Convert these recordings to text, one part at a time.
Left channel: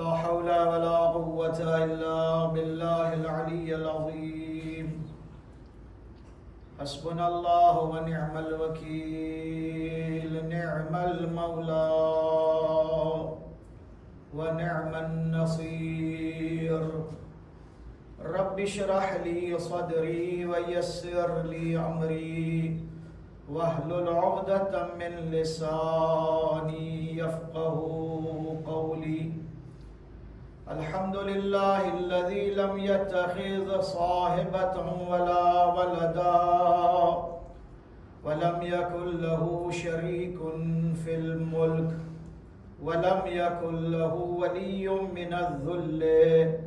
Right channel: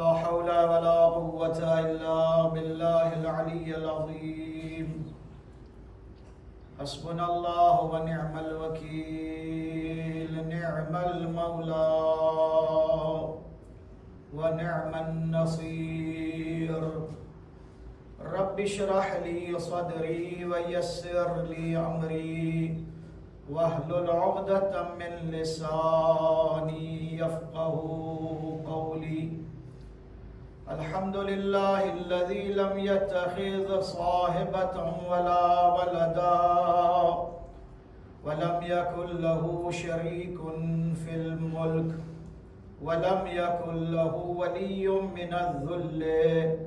لا حول ولا قوة إلا بالله العلي العظيم حسبنا الله ونعم الوكيل نعم المولى ونعم النصير رب اشرح لي صدري ويسر لي أمري واحلل عقدة من لساني يفقه قولي الحمد لله الذي لم يتخذ صاحبة ولا ولدا ولم يكن له شريك في الملك ولم يكن له ولي من الذل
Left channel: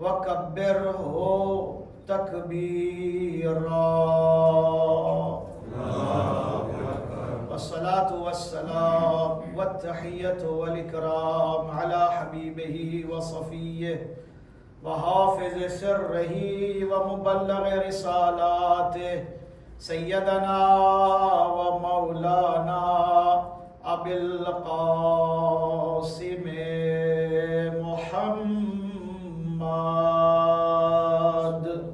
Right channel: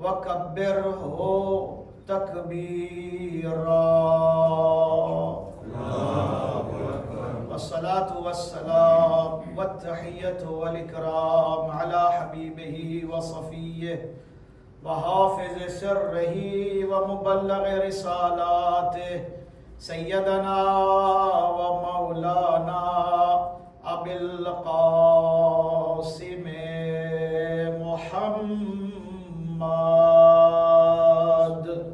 وكبره تكبيرا والصلاة والسلام والتحية والإكرام على حبيبه وصفيه وحافظ سره ومبلغ رسالاته سيدنا ومولانا أبي القاسم محمد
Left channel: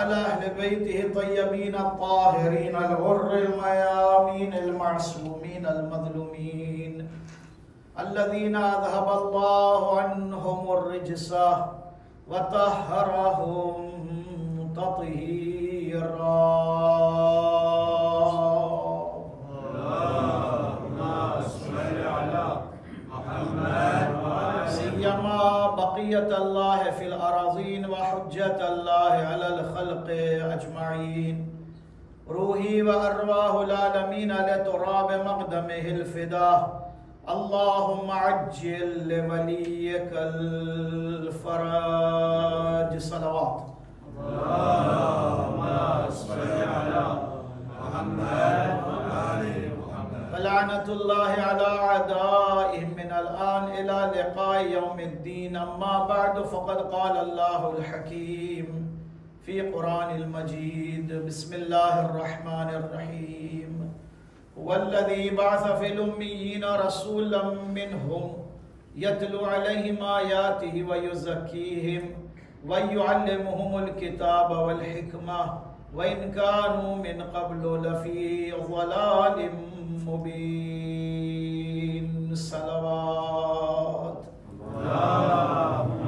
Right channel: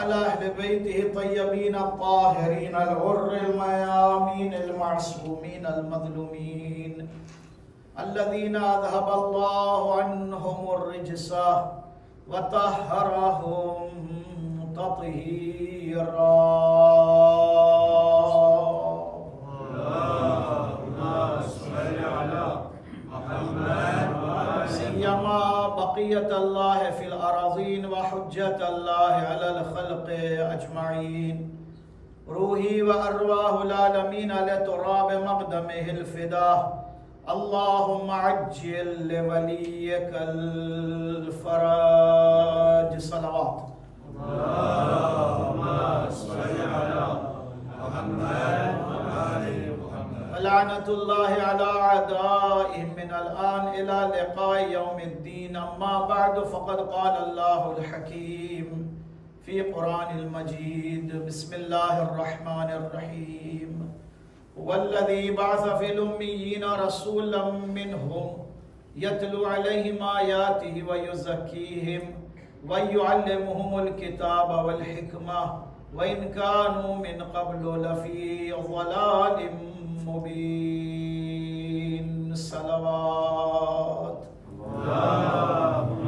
على أهل بيته الطيبين الطاهرين الغر الميامين المعصومين المظلومين الذين أذهب الله عنهم الرجس وطهرهم تطهيرا سيما بقية الله في الأراضين وحجة الله على الخلق أجمعين روحي وأرواح العالمين لتراب مقدمه الفداء اللهم عجل لوليك الفرج صلوات اللهم صل على محمد وآل محمد لعنة الله على أعدائهم من الآن إلى لقاء يوم الدين أما بعد فقد قال الله الحكيم في قرآن المجيد بسم الله الرحمن الرحيم هو الذي بعث في الأميين رسولا منهم يتلو عليهم آياته ويزكيهم ويعلمهم الكتاب والحكمة وإن كانوا من قبل لفي ضلال مبين صلوات اللهم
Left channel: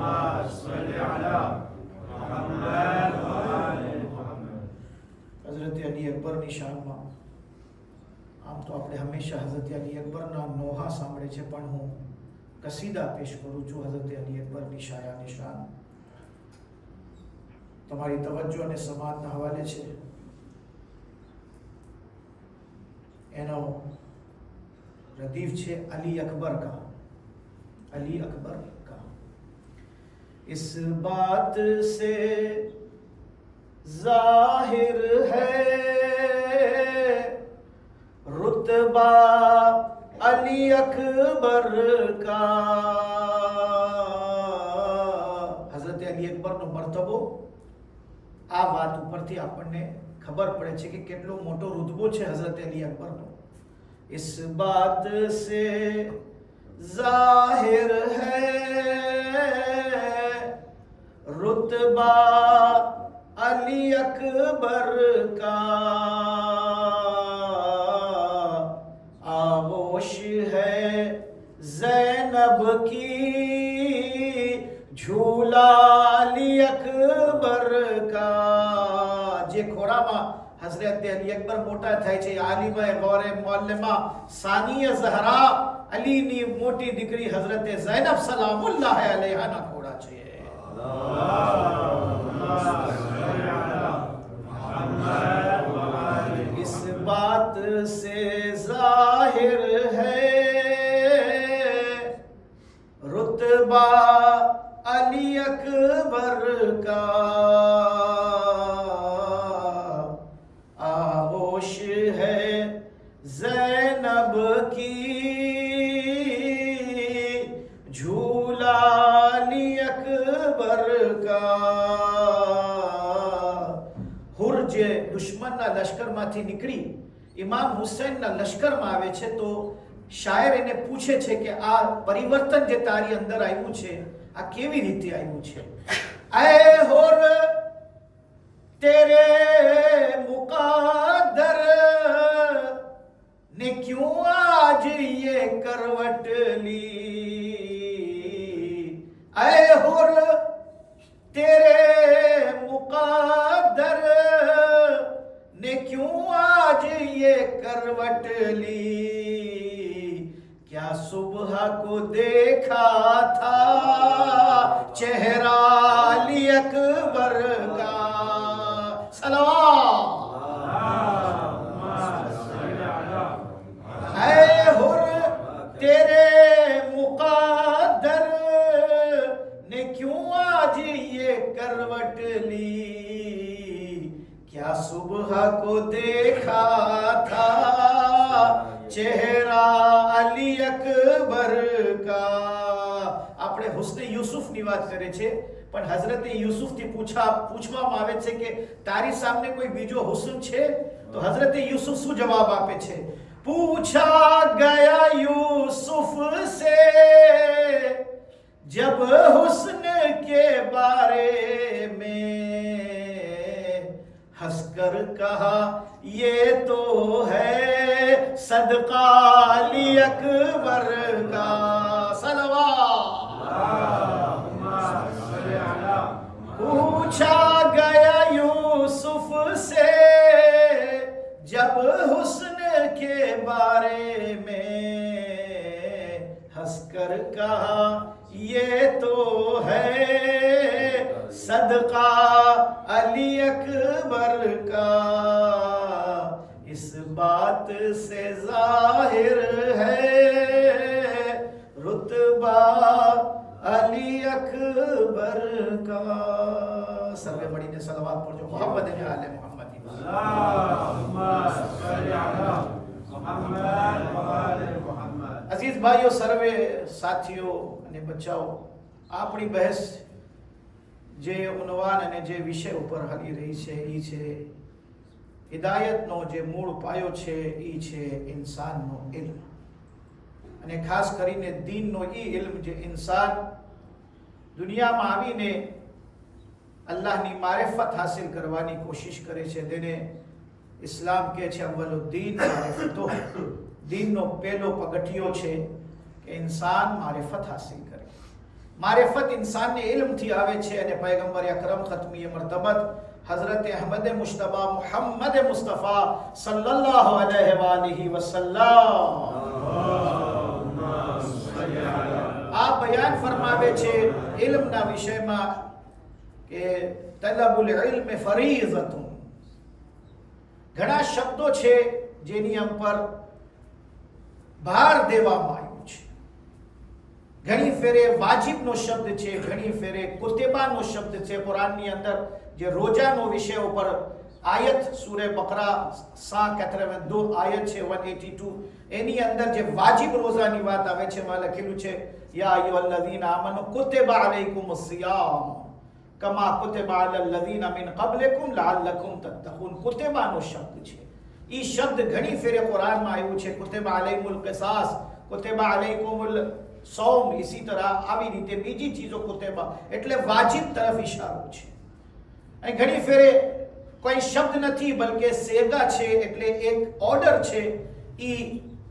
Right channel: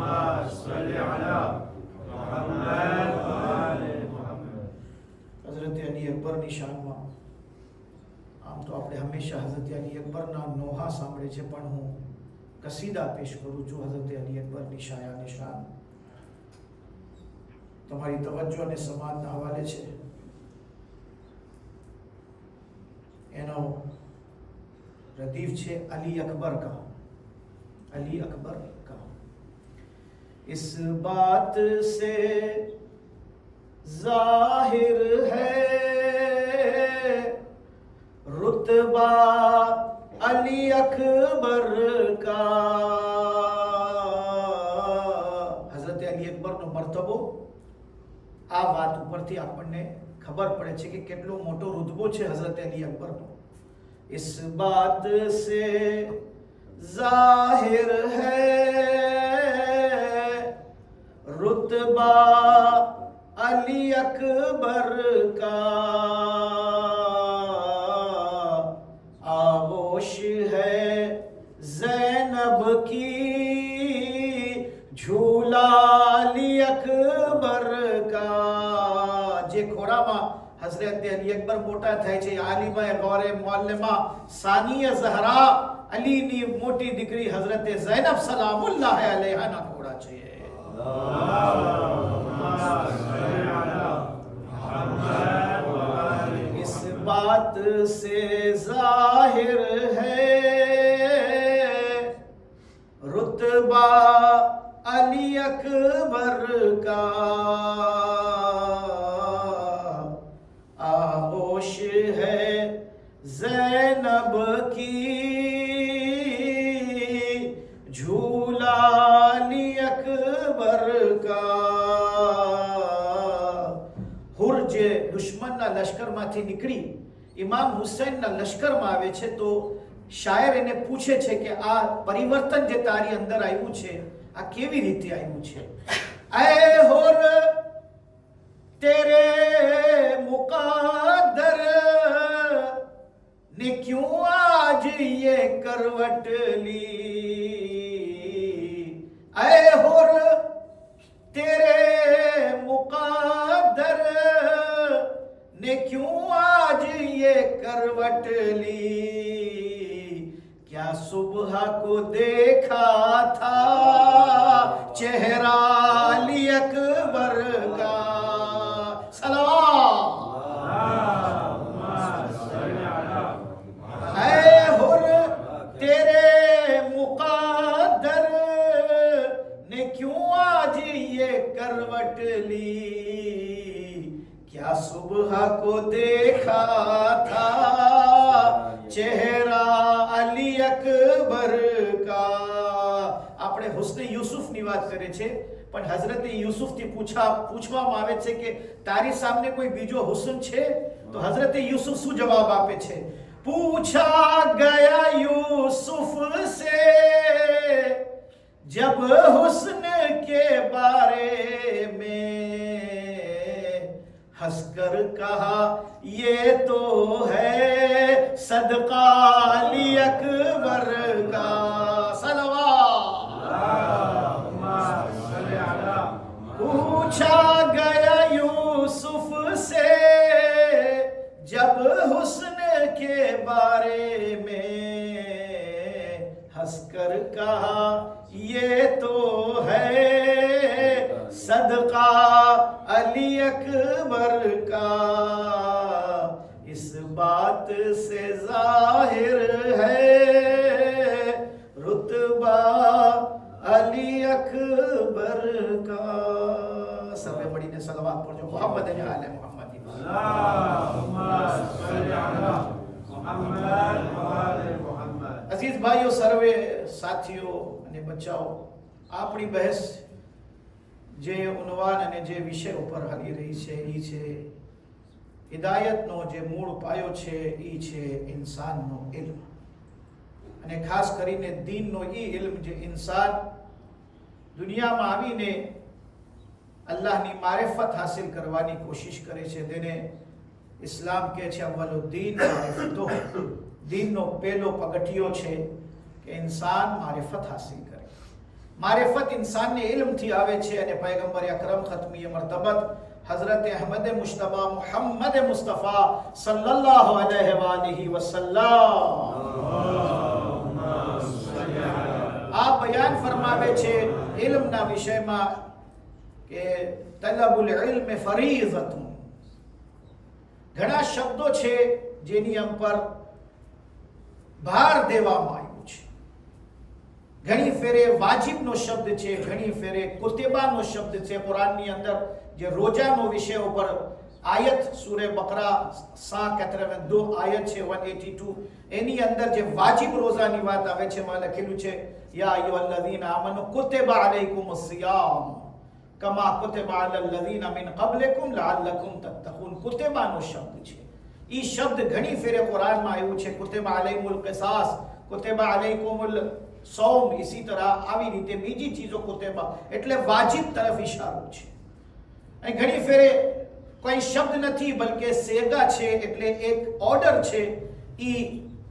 صل على محمد وآل محمد हज़रत अली अकबर ની શાનમાં આમ તો આપણે હંમેશા હઝરત અલી અકબરના નોહા સાંભળે છે પણ હું કસીદા પેશ કરું છું હઝરત અલી અકબરની શાયાની શાન તમારી તવજ્જો અને સમાજના હવાલે છે એનો રદીફ છે અલી અકબર का अली अकबर का इस बात से जाहिर है रुतबा अली अकबर का हजरत अली अकबर નો મર્તબો આ વાત ઉપરથી આપણને ખબર પડે છે કે કેટલો મોટો રુતબો છે હઝરત અલી અકબરનો इस बात से जाहिर है रुतबा अली अकबर का आगोश है ज़ैनब की झूला अली अकबर का जे खोरामा हजरत अली अकबर मोटा થાય છે આલિમા ગૌરે મુઅલ્લિમા સાનિયા ઝહરા અલી ની મોટી દીકરી હઝરત ઝૈનબ સલામુલ્લાહ અલૈહા ના ખોડા છે इस बात से जाहिर है रुतबा अली अकबर का आगोश है ज़ैनब की झूला अली अकबर का હુર જે દુશ્મનના લશ્કરમાંથી નીકળી ઇમામ હુસૈનના લશ્કરમાં આવે છે તો શાયર એને પૂછે છે કે આ પરિવર્તન જે તારી અંદર આવ્યું છે આ કેવી રીતે આવ્યું છે. ऐ होर तेरे मुकादर ने क्यों आज ये करवट ली. ऐ होर तेरे मुकादर ने क्यों आज ये करवट ली. क्या सुबह को देखा था चेहरा अली अकबर का. सलावत. ऐ हुर तेरे मुकादर ने क्यों आज ये करवट ली. क्या सुबह को देखा था ચહેરા અલી અકબર કા. આપણે હુસ્ને યુસુફની વાત કરે છે પણ હઝરત યુસુફથી પૂછવામાં આવે છે કે તારી સામે કોઈ બીજો હુસ્ન છે તો હઝરત યુસુફ શું જવાબ આપે છે. પૂછા ગયા યુસુફ સે જબ હુસ્ન કે બારે में हंसकर कहा ये तो है सदका अली अकबर का. सलवात. पूछा गया यूसुफ से जब हुस्न के बारे में हंसकर कहा ये तो है सदका अली अकबर का. इस बात से जाहिर है रुतबा अली अकबर का. સર્વે મળીને સલાવત પઢજો મોહમ્મદ અને આલે મોહમ્મદ. અલ્લાહુમ્મા સલ્લી અલા મુહમ્મદ વ આલે મુહમ્મદ. અઝીઝ ભાઈઓ, સર્વે સાથીઓ અને બચ્ચાઓ, આપણી બહેસ જે ઉન્વાન અને જે વિષય ઉપર હાલી રહી છે એ છે હિદાયતનો જે મૂળ પાયો છે એ છે ઇન્સાનનો ઇલ્મ, અને ખાસ કરીને દીનનો એ ઇલ્મ જે ઇન્સાન દુનિયામાં આવીને અલ્લાહની મારિફત હાસિલ કરવાની કોશિશ કરે છે તેને ઇસ્લામ કહે છે અવ્વલુદ્દીન મારિફતો. દીનનો પહેલો પગથિયો છે કે ઇન્સાન મારિફત હાસિલ કરે. મારિફત ઇન્સાનને ઇલ્મથી આવે છે અને પૈગંબર અકરમ ખતમી મરતબત હઝરત અહમદ મુશ્તબા મુહમ્મદ મુસ્તફા સલ્લલ્લાહુ અલૈહિ વ આલિહી વસલ્લમ આ બયાન ફરમાવે છે ઇલ્મના વિષયમાં કે તલબુલ ઇલ્મ ફરીઝતુન. ઘણા શબ્દો છે જેની પર ભાર દેવામાં આવ્યો છે. ઘણી ફેરે વાજિબનો શબ્દ છે, ઘણી ફેરે કુતિબાનો શબ્દ છે. કુરાનની અંદર જે રોજાનો વિષય ઉપર આયત સૂરે બકરા 182 આયત છે 182 એની અંદર જે વાજિબ રોજાની વાત આવે છે એમાં લખેલું છે યા અય્યુહલ્લઝીના આમનુ કુતિબા અલૈકુમુસ સિયામ કમા કુતિબા અલલ લઝીના મિન કબલિકુમ લઅલ્લકુમ તત્તકૂન. કુતિબાનો શબ્દ છે. ઈ શબ્દ ઘણી ફેરે કુરાનમાં આવ્યું છે. કુતિબા અલૈકુમુલ કિસાસ, કુતિબા અલૈકુમુલ સૌમ, इसी तरह આવી રીતે બીજી ચીજો કુતિબા એટલે વાજિબ તરફ ઇશારો છે. અને ઘણી ફેરે કોઈ શબ્દ નથી બલકે સેગા છે એટલે એક ઓર્ડર છે. ઈ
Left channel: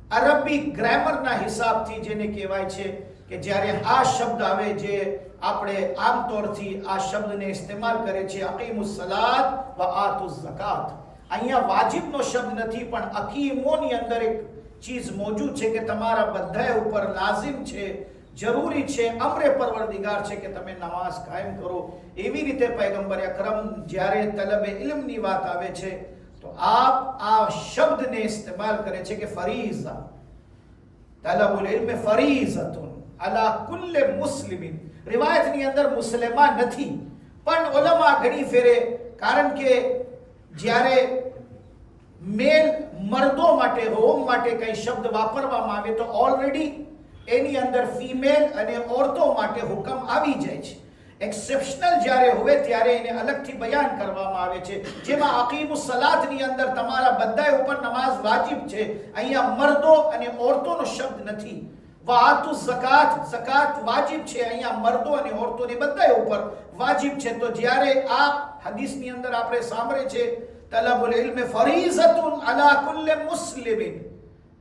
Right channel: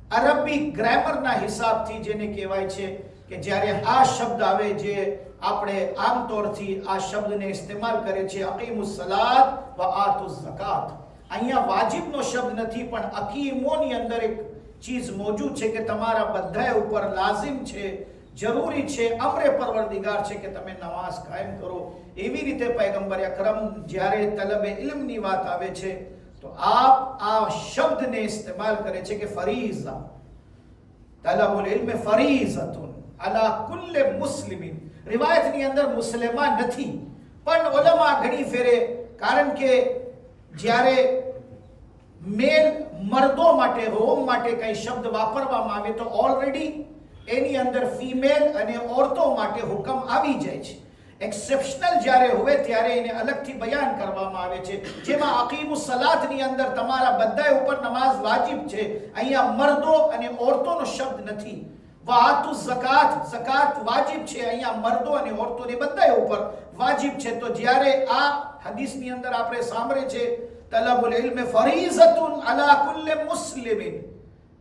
અરબી ગ્રામરના હિસાબથી જેને કહેવાય છે કે જ્યારે આ શબ્દ આવે જે આપણે આમ તોરથી આ શબ્દને ઇસ્તેમાલ કરે છે અકીમુસ સલાત વ આતુઝ ઝકાત. અહીંયા વાજિબનો શબ્દ નથી પણ અકીમોની અંદર એક ચીજ મોજૂદ છે કે તમારા બધા ઉપર લાઝિમ છે, જરૂરી છે, અમરે પરવરદિગાર છે કે તમે નમાઝ કાયમ કરો. એવી રીતે પૈગંબર અકરમ જ્યારે તલબે ઇલ્મની વાત આવે છે તો આપ આ શબ્દને ઇસ્તેમાલ કરે છે કે ફરીઝા. તલબુલ ઇલ્મ ફરીઝતુન અલા કુલ્લે મુસ્લિમિન. રિવાયતની અંદર મુસ્લિમા નથી પણ ઉલમા ઘણી ફેરે, કારણ કે જ્યારે મેલ મર્દો માટે હોમ માટે કઈ શબ્દ વાપરવામાં આવે તો ઓલરેડી એની અંદર ફીમેલ અને ઓરતો માટે હુકમ આવી જાય છે. એક્સેપ્શનલ જ્યારે હોય ત્યારે એને અલગથી બયાન કરવામાં આવે છે, જેમાં અકીમુસ સલાતની અંદર તમારા બધાય ઉપર નમાઝ વાજિબ છે. અહીંયા મર્દો અને ઓરતોનો શબ્દ નથી. વાતુ ઝકાત, ઝકાત વાજિબ છે. અહીંયા મર્દો અને ઓરતોને બધાય ઉપર વાજિબ છે. તો જ્યારે આ હદીસની અંદર આપણે સાંભળે છે તલબુલ ઇલ્મ ફરીઝતુન અલા કુલ્લી મુસ્લિમિન,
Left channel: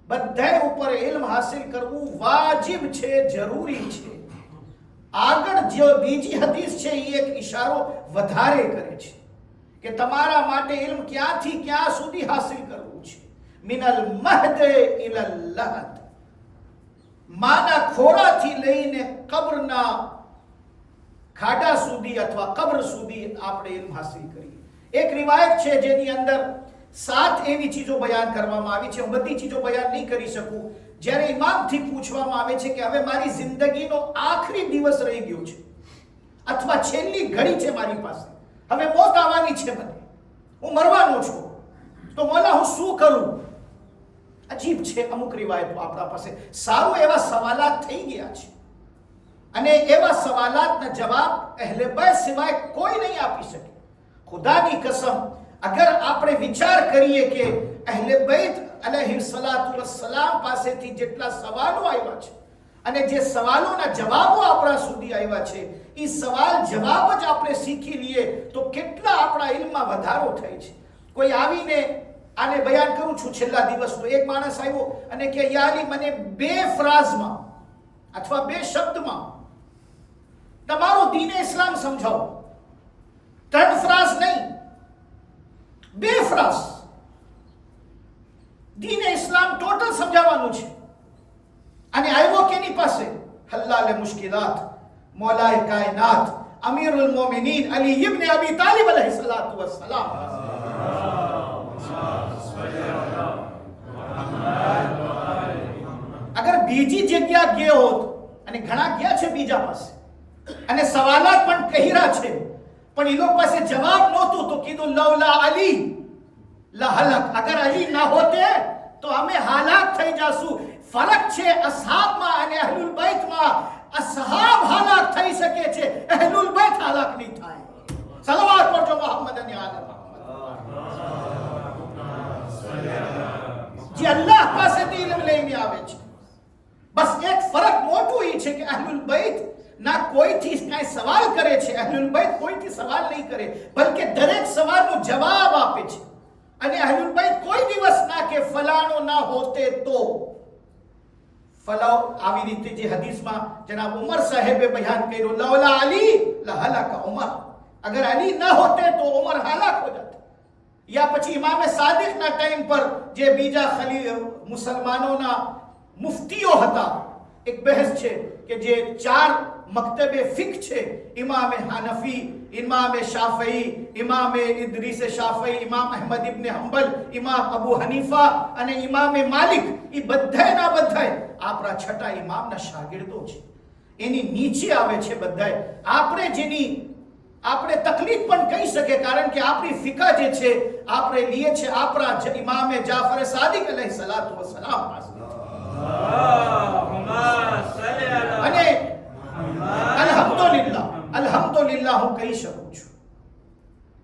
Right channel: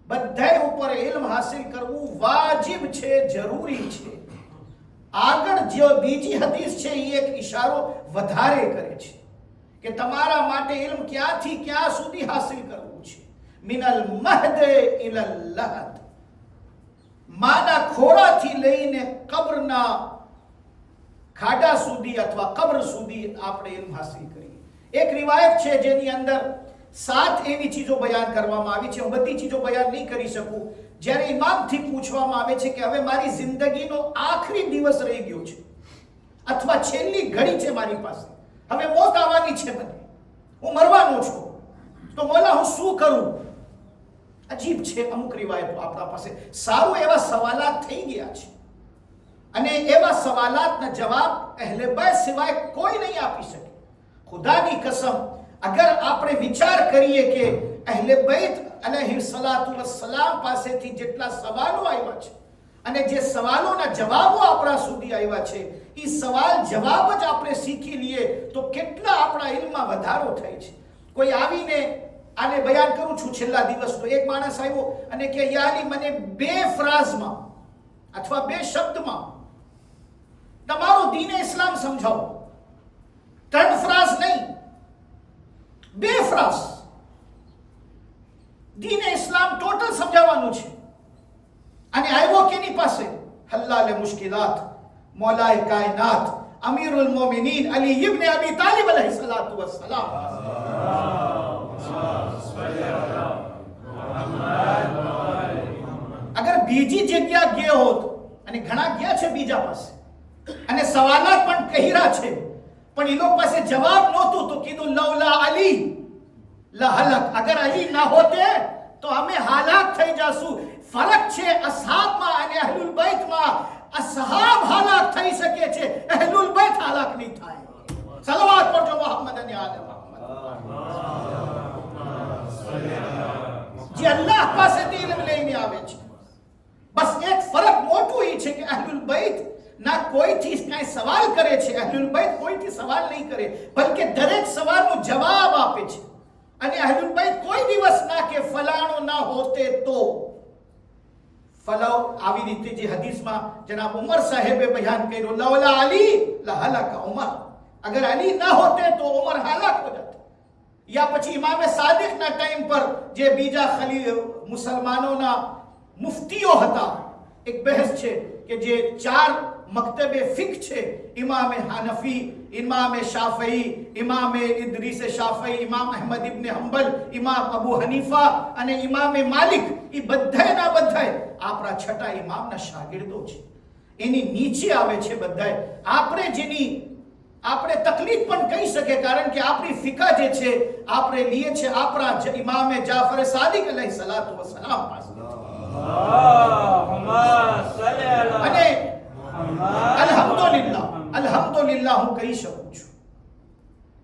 બધાય ઉપર ઇલ્મ હાસિલ કરવું વાજિબ છે, જરૂરી છે. આગળ જો બીજી હદીસ છે એ એક ઇશારો વધારે કરે છે કે તમારા માટે ઇલ્મ ક્યાંથી ક્યાં સુધી હાસિલ કરવું છે. મિનલ મહદ ઇલલ લહદ, માના ખોળાથી લઈને કબ્રના ખાડા સુધી અથવા કબ્ર સુધી આપણે ઇલ્મ હાસિલ કરીએ. એક રિવાયત છે જેની અંદર 7 એવી ચીજો બયાન કરવામાં આવી છે. હું બધી ચીજો બયાન નહીં કરી શકું. જ્યારે ઇમામથી પૂછવામાં આવે છે કે હવે મારી જિંદગીનો આખરી દિવસ રહી ગયો છે અથવા છેલ્લી ઘડી છે મારી પાસે, હવે મોત આવવાની છે, મને હું મરવાનો છું, તો મોલા હું શું કરું? અજીબ છે. અમુક રિવાયતો આપણા પાસે સારું એવા સવાલાત થઈ ગયા છે અને એવા સવાલાતના જવાબ અહેલે બેત સિવાય કોઈ નહીં આપી શકે. ખુદાની કસમ, અગર આપણે વિચાર કરીએ કે અહેલે બેત અલૈહિસ્સલાતુ વસ્સલામ પાસેથી જેટલા સવાલો આવ્યા છે અને જે સવાલોના જવાબો આપણા સુધી આવ્યા છે, એ સવાલ જવાબ જ આપણે શીખી લઈએ તો કેટલા આપણા ઇલ્મમાં વધારો થાય છે. કોઈ આવીને આને બયાન કરું છું છેલ્લા દિવસનો, એક માણસ આવ્યો અને કે યા અલી, મને 2 ફ્રાઝમાં અથવા 2 શબ્દમાં તમારો દીન ઇસ્લામ સમજાવો. 3 ફ્રાઝ નહીં, 2 ફ્રાઝ દીન ઇસ્લામ ટોટલ સમજાવવાનું છે. અને આવ્યો કેની પાસે? હલ્લાલે મુશ્કિલાત, મૌલાએ કાયનાત, અમીરુલ મોમિનીન અલી ઇબ્ન અબી તાલિબ અલૈહિસ્સલાતુ વસ્સલામ. અગર બીજી જગ્યા ગયો હોત, અને ઘણા ગયા છે બીજા પાસે અને સવાલાત પણ કહીરા છે, પણ એ લોકો પાસે જવાબ નહોતું તો કીધું લૌલા અલી લહલક, અગર અલી ના હોતે તો અમે હાલાક થઈ જાશું. ફરક છે અસહાબમાં અને અહલુલ બેતમાં. અસહાબ હાલાક થઈ શકે છે, અહલુલ બેત હાલાક નહીં થાય. સલાવત પડજો મોહમ્મદ અને આલે મોહમ્મદ. જે અલ્લાહ પાસેથી ઇલ્મ લઈને આવે છે. બસ એક ફરક મોટું એ છે કે અહલુલ બેત ના કોઈથી કાંઈ સવાલ કરે છે, અહલુલ બેત કોઈથી સવાલ નહીં કરે, બલકે દરેક સવાલનો જવાબ આપે છે. અને અહલુલ બેત કોઈ દિવસ ના કે ફલાણો ના હોતે તો ફલાઓ. આવી રીતે જે હદીસમાં જનાબ ઉમર સાહેબે બયાન કર્યું, લૌલા અલી લહલક ઉમર, અગર અલી ના હોતે તો ઉમર હાલાક હો જાતે. યા પછી ઇમામે સાદિકના ટાઈમ પર જે બીજા મુસલમાનોના મુફતીઓ હતા, એક બહેસ છે કે જે 4 મક્તબે ફિક છે, ઇમામે હાનફી, ઇમામે શાફઈ, ઇમામે ઇદ્રીસ શાફઈ, ઇમામ અહેમદ ઇબ્ન હંબલ, ઇમામ અબુ હનીફા અને ઇમામે માલિક, એ બધાયના બધાય આપણા છઠ્ઠા ઇમામના શાગિર્દો છે. એની નીચે આવે છે બધાય. આપણે તકલીફ પણ કહી શકે, કારણ કે આપણી ફિકા જે છે આપણે લઈએ છે આપણા ઇમામે જાફર સાદિક અલૈહિસ્સલાતુ વસ્સલામ પાસે. અને અલ્હમ્દુલિલ્લાહ હું કહી શકું છું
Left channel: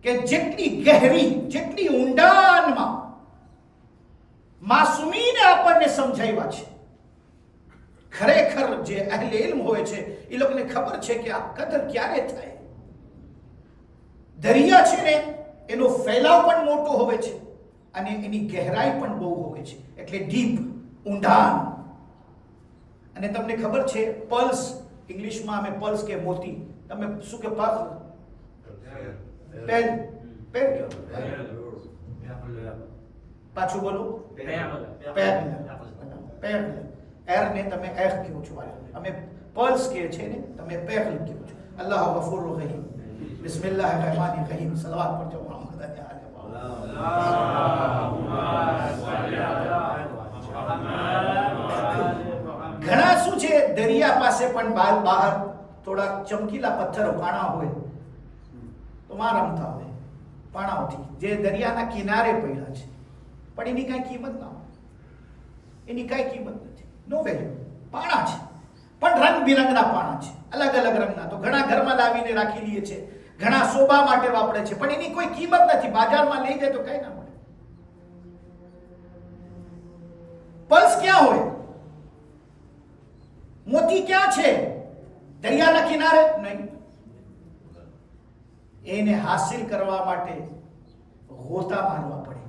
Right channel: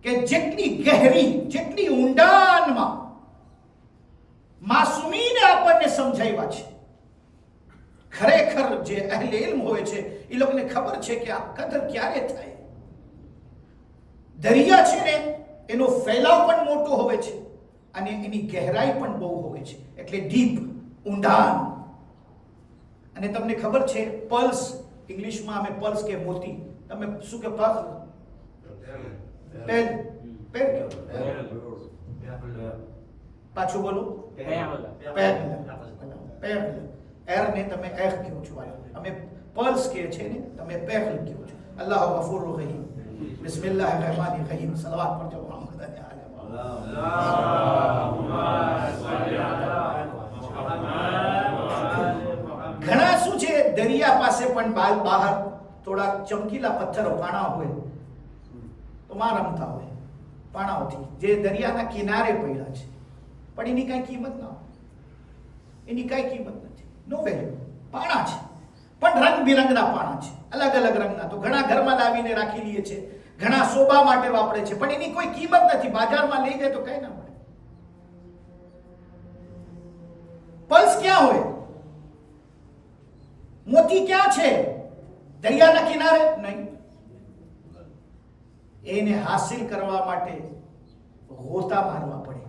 કે જેટલી ગહેરી, જેટલી ઊંડાણમાં માસૂમીને આપણને સમજાવ્યા છે, ખરેખર જે અહેલે ઇલ્મ હોય છે એ લોકોને ખબર છે કે આ કદર ક્યારે થાય. દરિયા છે ને એનો ફેલાવ પણ મોટો હોય છે અને એની ગહેરાઈ પણ બહુ હોય છે, એટલે ડીપ, ઊંડાણ. અને તમને ખબર છે પલ્સ, ઇંગ્લિશમાં અમે પલ્સ કે મોતી, તમે શું કે પલ્સ? પેર પાછું બોલો. પેર એર ને તમે એર કહો છો, અમે પલ્સ કે છે ને તમે પેર કહો છો. અલ્લાહ ગફૂર રહીમ. બિસ્મિલ્લાહિર રહેમાનિર રહીમ. સલાવત પર જો મોહમ્મદ અને આલે મોહમ્મદ. ઘણા શું છે, દરિયા પાસે પણ બહાર થોડા ચમકીલા પથ્થરો પાણા હોય તો માં રમતા હોય પાણાઓથી, જે દરિયાના કિનારે પડ્યા છે, પણ એની કાંઈ કિંમત ના હોય, એની કાંઈ કિંમત નથી, નો વેલ્યુ. પાણા છે પણ રંગબેરંગના પાણા છે. અલગ અલગ રંગના. તો ઘણા ઘરમાં લાવીને રાખી લઈએ છે, ઘણા શોભા માટે વાપરે છે, પણ એની કોઈ કિંમત નથી. બજારમાં લઈ જાય તો કઈ ના મળે. પલ્સ ક્યાં હોય? મોતી ક્યાં છે? દરિયાના કિનારે નહીં. એને હાસિલ કરવા માટે ગોતા મારવા પડે,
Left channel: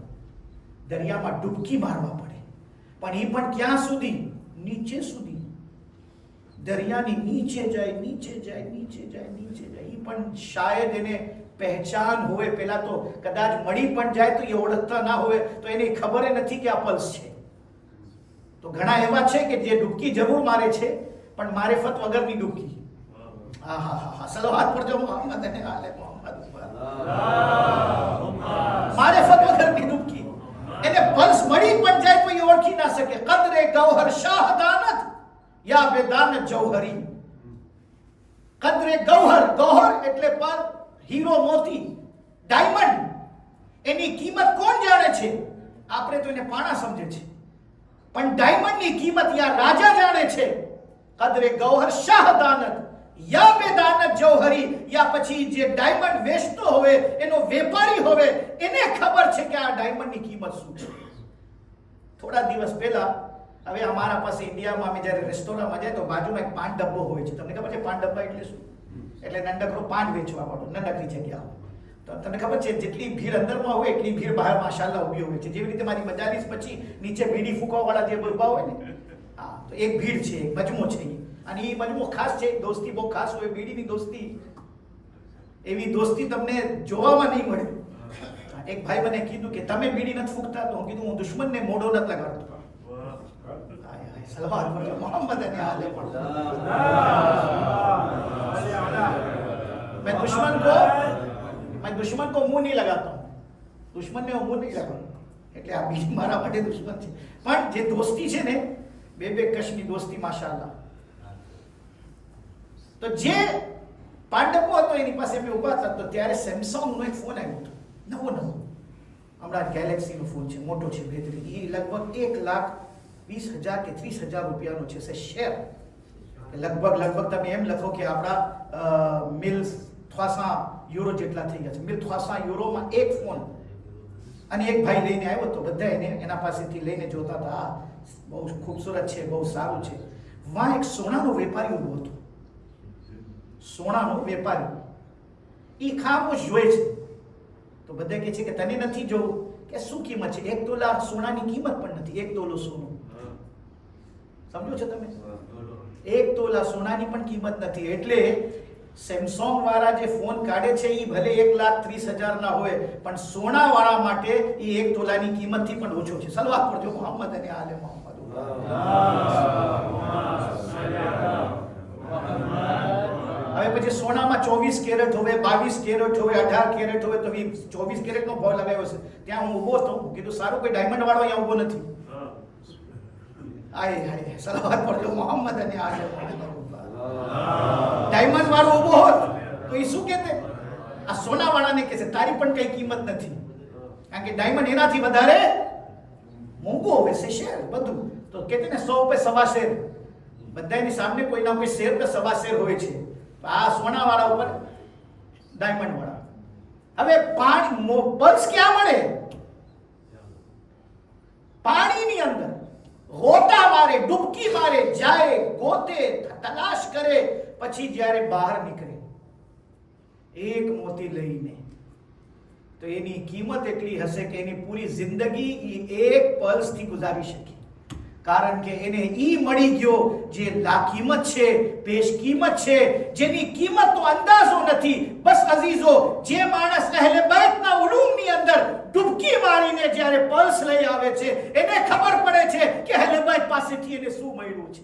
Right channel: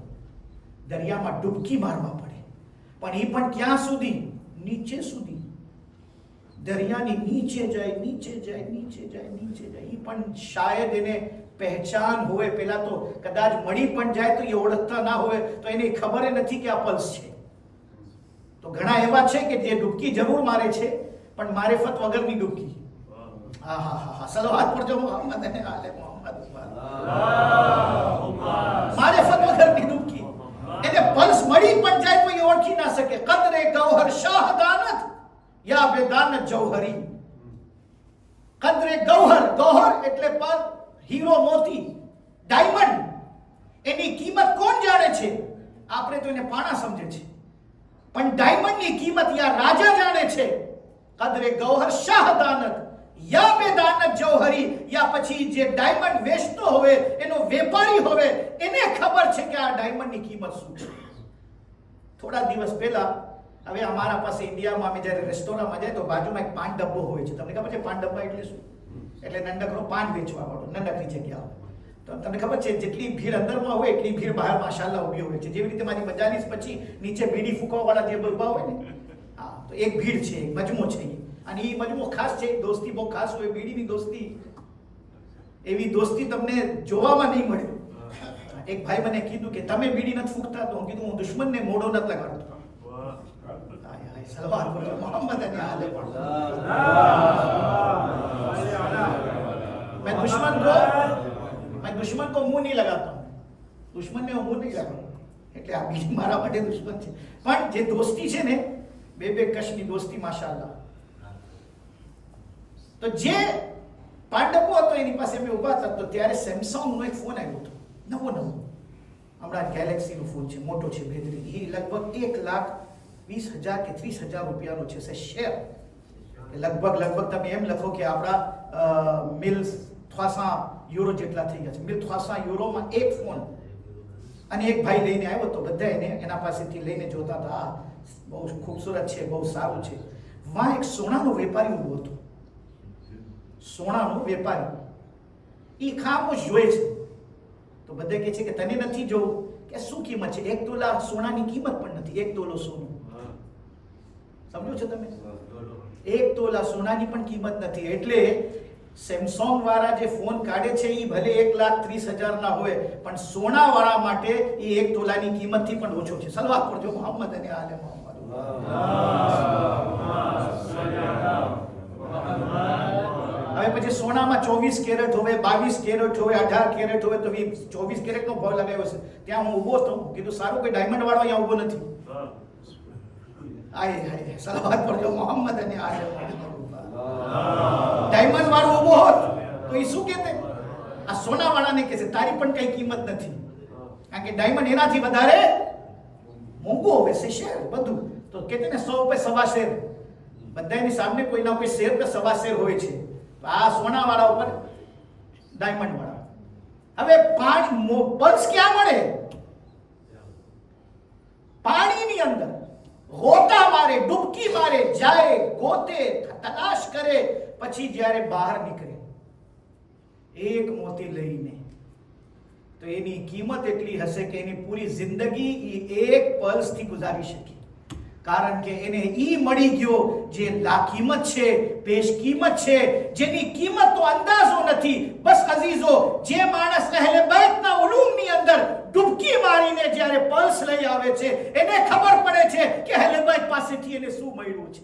દરિયામાં ડૂબકી મારવા પડે. પણ એ પણ ક્યાં સુધી? નીચે સુધી. દરિયાની નીચે જાય, નીચે જાય, નીચે જાય, નીચે જાય. એ પણ શાયદ એને પહેચાન હોય, પેલા તો કદાચ મળી પણ જાય તો એ ઓળખતા ના હોય, તો એને ખબર નથી કે આ પલ્સ છે. તો ઘણા એવા છે કે જે ડૂબકી જરૂર મારે છે, પણ મારેફત વગરની ડૂબકી. હા હા હા હા, સલાવત પડજો મોહમ્મદ અને આલે મોહમ્મદ ઉપર. મારેફત વગરની ડૂબકી. એને પલ્સ મળી પણ જાય તો એ ઓળખી ના શકે. કદરે ગૌહર શાહદાનત યા બેદાનત જૌહરી. કદરે ગૌહર, ગૌહર એટલે પર, હીરો, મોતી, ડાયમંડ. એની કિંમત કોણ જાણે છે? આપણે તો એને પાણા સમજે છે, પણ ડાયમંડની કિંમત યા રાજા જાણે છે. કદરે ગૌહર શાહદાનત યા બેદાનત જૌહરી. યા પછી જે ડાયમંડ વેચતો હોય, એનો વેપારી હોય, એને ખબર છે કે આ ડાયમંડની કિંમત શું છે. થોડા દિવસ પહેલા, હવે અમારા પાસે ઇન્ડિયામાં અમે જ્યારે રેસ્ટોરન્ટમાં જાય તો બાજુમાં એક પાન ડબ્બો હોય છે. તમને ખબર છે પાન ડબ્બા એટલે શું? એટલે નંદકનો પાન વેચવા વાળો, નંદકની જગ્યા હોય. તો તમને ખબર છે જેટલી ભીડ અંદરમાં હોય એટલી ભીડ બહાર માશાલ્લાહ ઊભી હોય છે. જેવી રીતે મારી મજાલીસ પછી નીચે બીડી ફૂંકવાવાળા જે ઊભા હોય ને, હા, તો એક ભીડ છે, એક મજમો છે. અને એ મજમો ખાસ છે, દોસ્તી બહુ ખાસ હોય. બીડીની દોસ્તી, એવી દોસ્તી તમને જોવામાં નહીં મળે. એક ભાઈ મને કીધું કે તમે બીડી નથી ફૂંકતા, તો હું કીધું હું દુશ્મનને મોઢો નથી લગાડતો. સલવાત બોલો મોહમ્મદ અને આલે मैं दुश्मन को मुंह नहीं लगाता हूं. दुश्मन ने मुंह नहीं लगाता. એટલે આ બીજી મારા માટે દુશ્મન છે. પણ જે દોસ્તી છે ને, બે કશની દોસ્તી માશાલ્લાહ. તો જે પાંડવો હતો એની પાસે અમે ઉભા હતા, તો ત્યારે સેમસંગનો એક ફોન આવ્યો હતો, નવો. હમણાં ગેલેક્સીનો ફોન છે, મોટો છે, બેહતરીન. એ લગભગ 1,20,000 કે 30,000 રૂપિયાનો છે. શેર લગભગ તમે એમ લખો કે આપણા 1,300 યુરો જેટલા થઈ ગયા છે. 1,300 યુરોમાં એક ફોન. અને એક ભાઈ લઈને આવ્યો તો બધા એને એના પાસેથી લઈને જોતા હતા, આ બહુ ખૂબસૂરત છે, બહુ સારું છે. વાં એક સોનાનો વેપારી ઊભો હતો. સોનાનો વેપારી એ ખામોશ જોઈ છે. તો બધા કહે છે કે તને નથી જોવું? કે શું કિંમત છે? 1 તોલા સોનાની કિંમત પણ નથી. 1 તોલો સોનું, સમજો છો તમે? 1 તોલા સોનાની પણ કિંમત નથી. એટલે સેમસંગ વાળા જે ફોન કાઢે છે એ ભલે 1,30,000 ના હોય, પણ સોના વાળા માટે એ 1 તોલાની કિંમતથી પણ ઓછો છે. સલવાત પડજો મોહમ્મદ અને આલે મોહમ્મદ. હવે પછી સોનામાં 24 કેરેટ હોય, 22 કેરેટ હોય, 18 કેરેટ હોય, તો 24 કેરેટનો ભાવ લગાવ્યો છે. ત્યાં હું ઊભો હતો, કીધું સારું કોઈ ડાયમંડ વાળો અહીંયા ઊભો નથી. આય સલાવત પડજો મોહમ્મદ અને આલે મોહમ્મદ. ડાયમંડ વાળો ઊભો હોત તો એ શું કહેતે? આ સોના વાળાને કહે છે તારી પણ કઈ કિંમત નથી, કારણ કે ડાયમંડ એનાથી વધારે મોંઘો હોય છે. શેર બધું તો કહેતે ને 100 રૂપિયા સવા શેર, બધાની સામે કોઈના કોઈ શેર કે સવા શેર હોય છે. આ સોના વાળા ઉપર ડાયમંડ વાળા. હવે પાણી પલ્સ ક્યાં મળે? પાણીની અંદર. ગોતા મારે, ડૂબકી મારે, જાય, ગોતે, તલાશ કરે, પછી જ્યારે બહાર નીકળે એક મોતી લઈને, તો એની કિંમત એટલી હશે કે એની પૂરી જિંદગી એક પલ્સથી ગુજારી શકે. કારણ કે એને ઈ મળી ગયો જે લાકીમત છે, પેશ કિંમત છે, જેની કિંમતનો અંદાજો નથી. બસ અઝીઝો, જે માણસ અહેલે બેતના ઉલૂમની અંદર ડૂબકી મારીને જ્યારે પલ્સ લઈ આવે છે, એને ખબર પડે છે કે અહેલે બેત પાસેથી એને શું મળ્યું છે.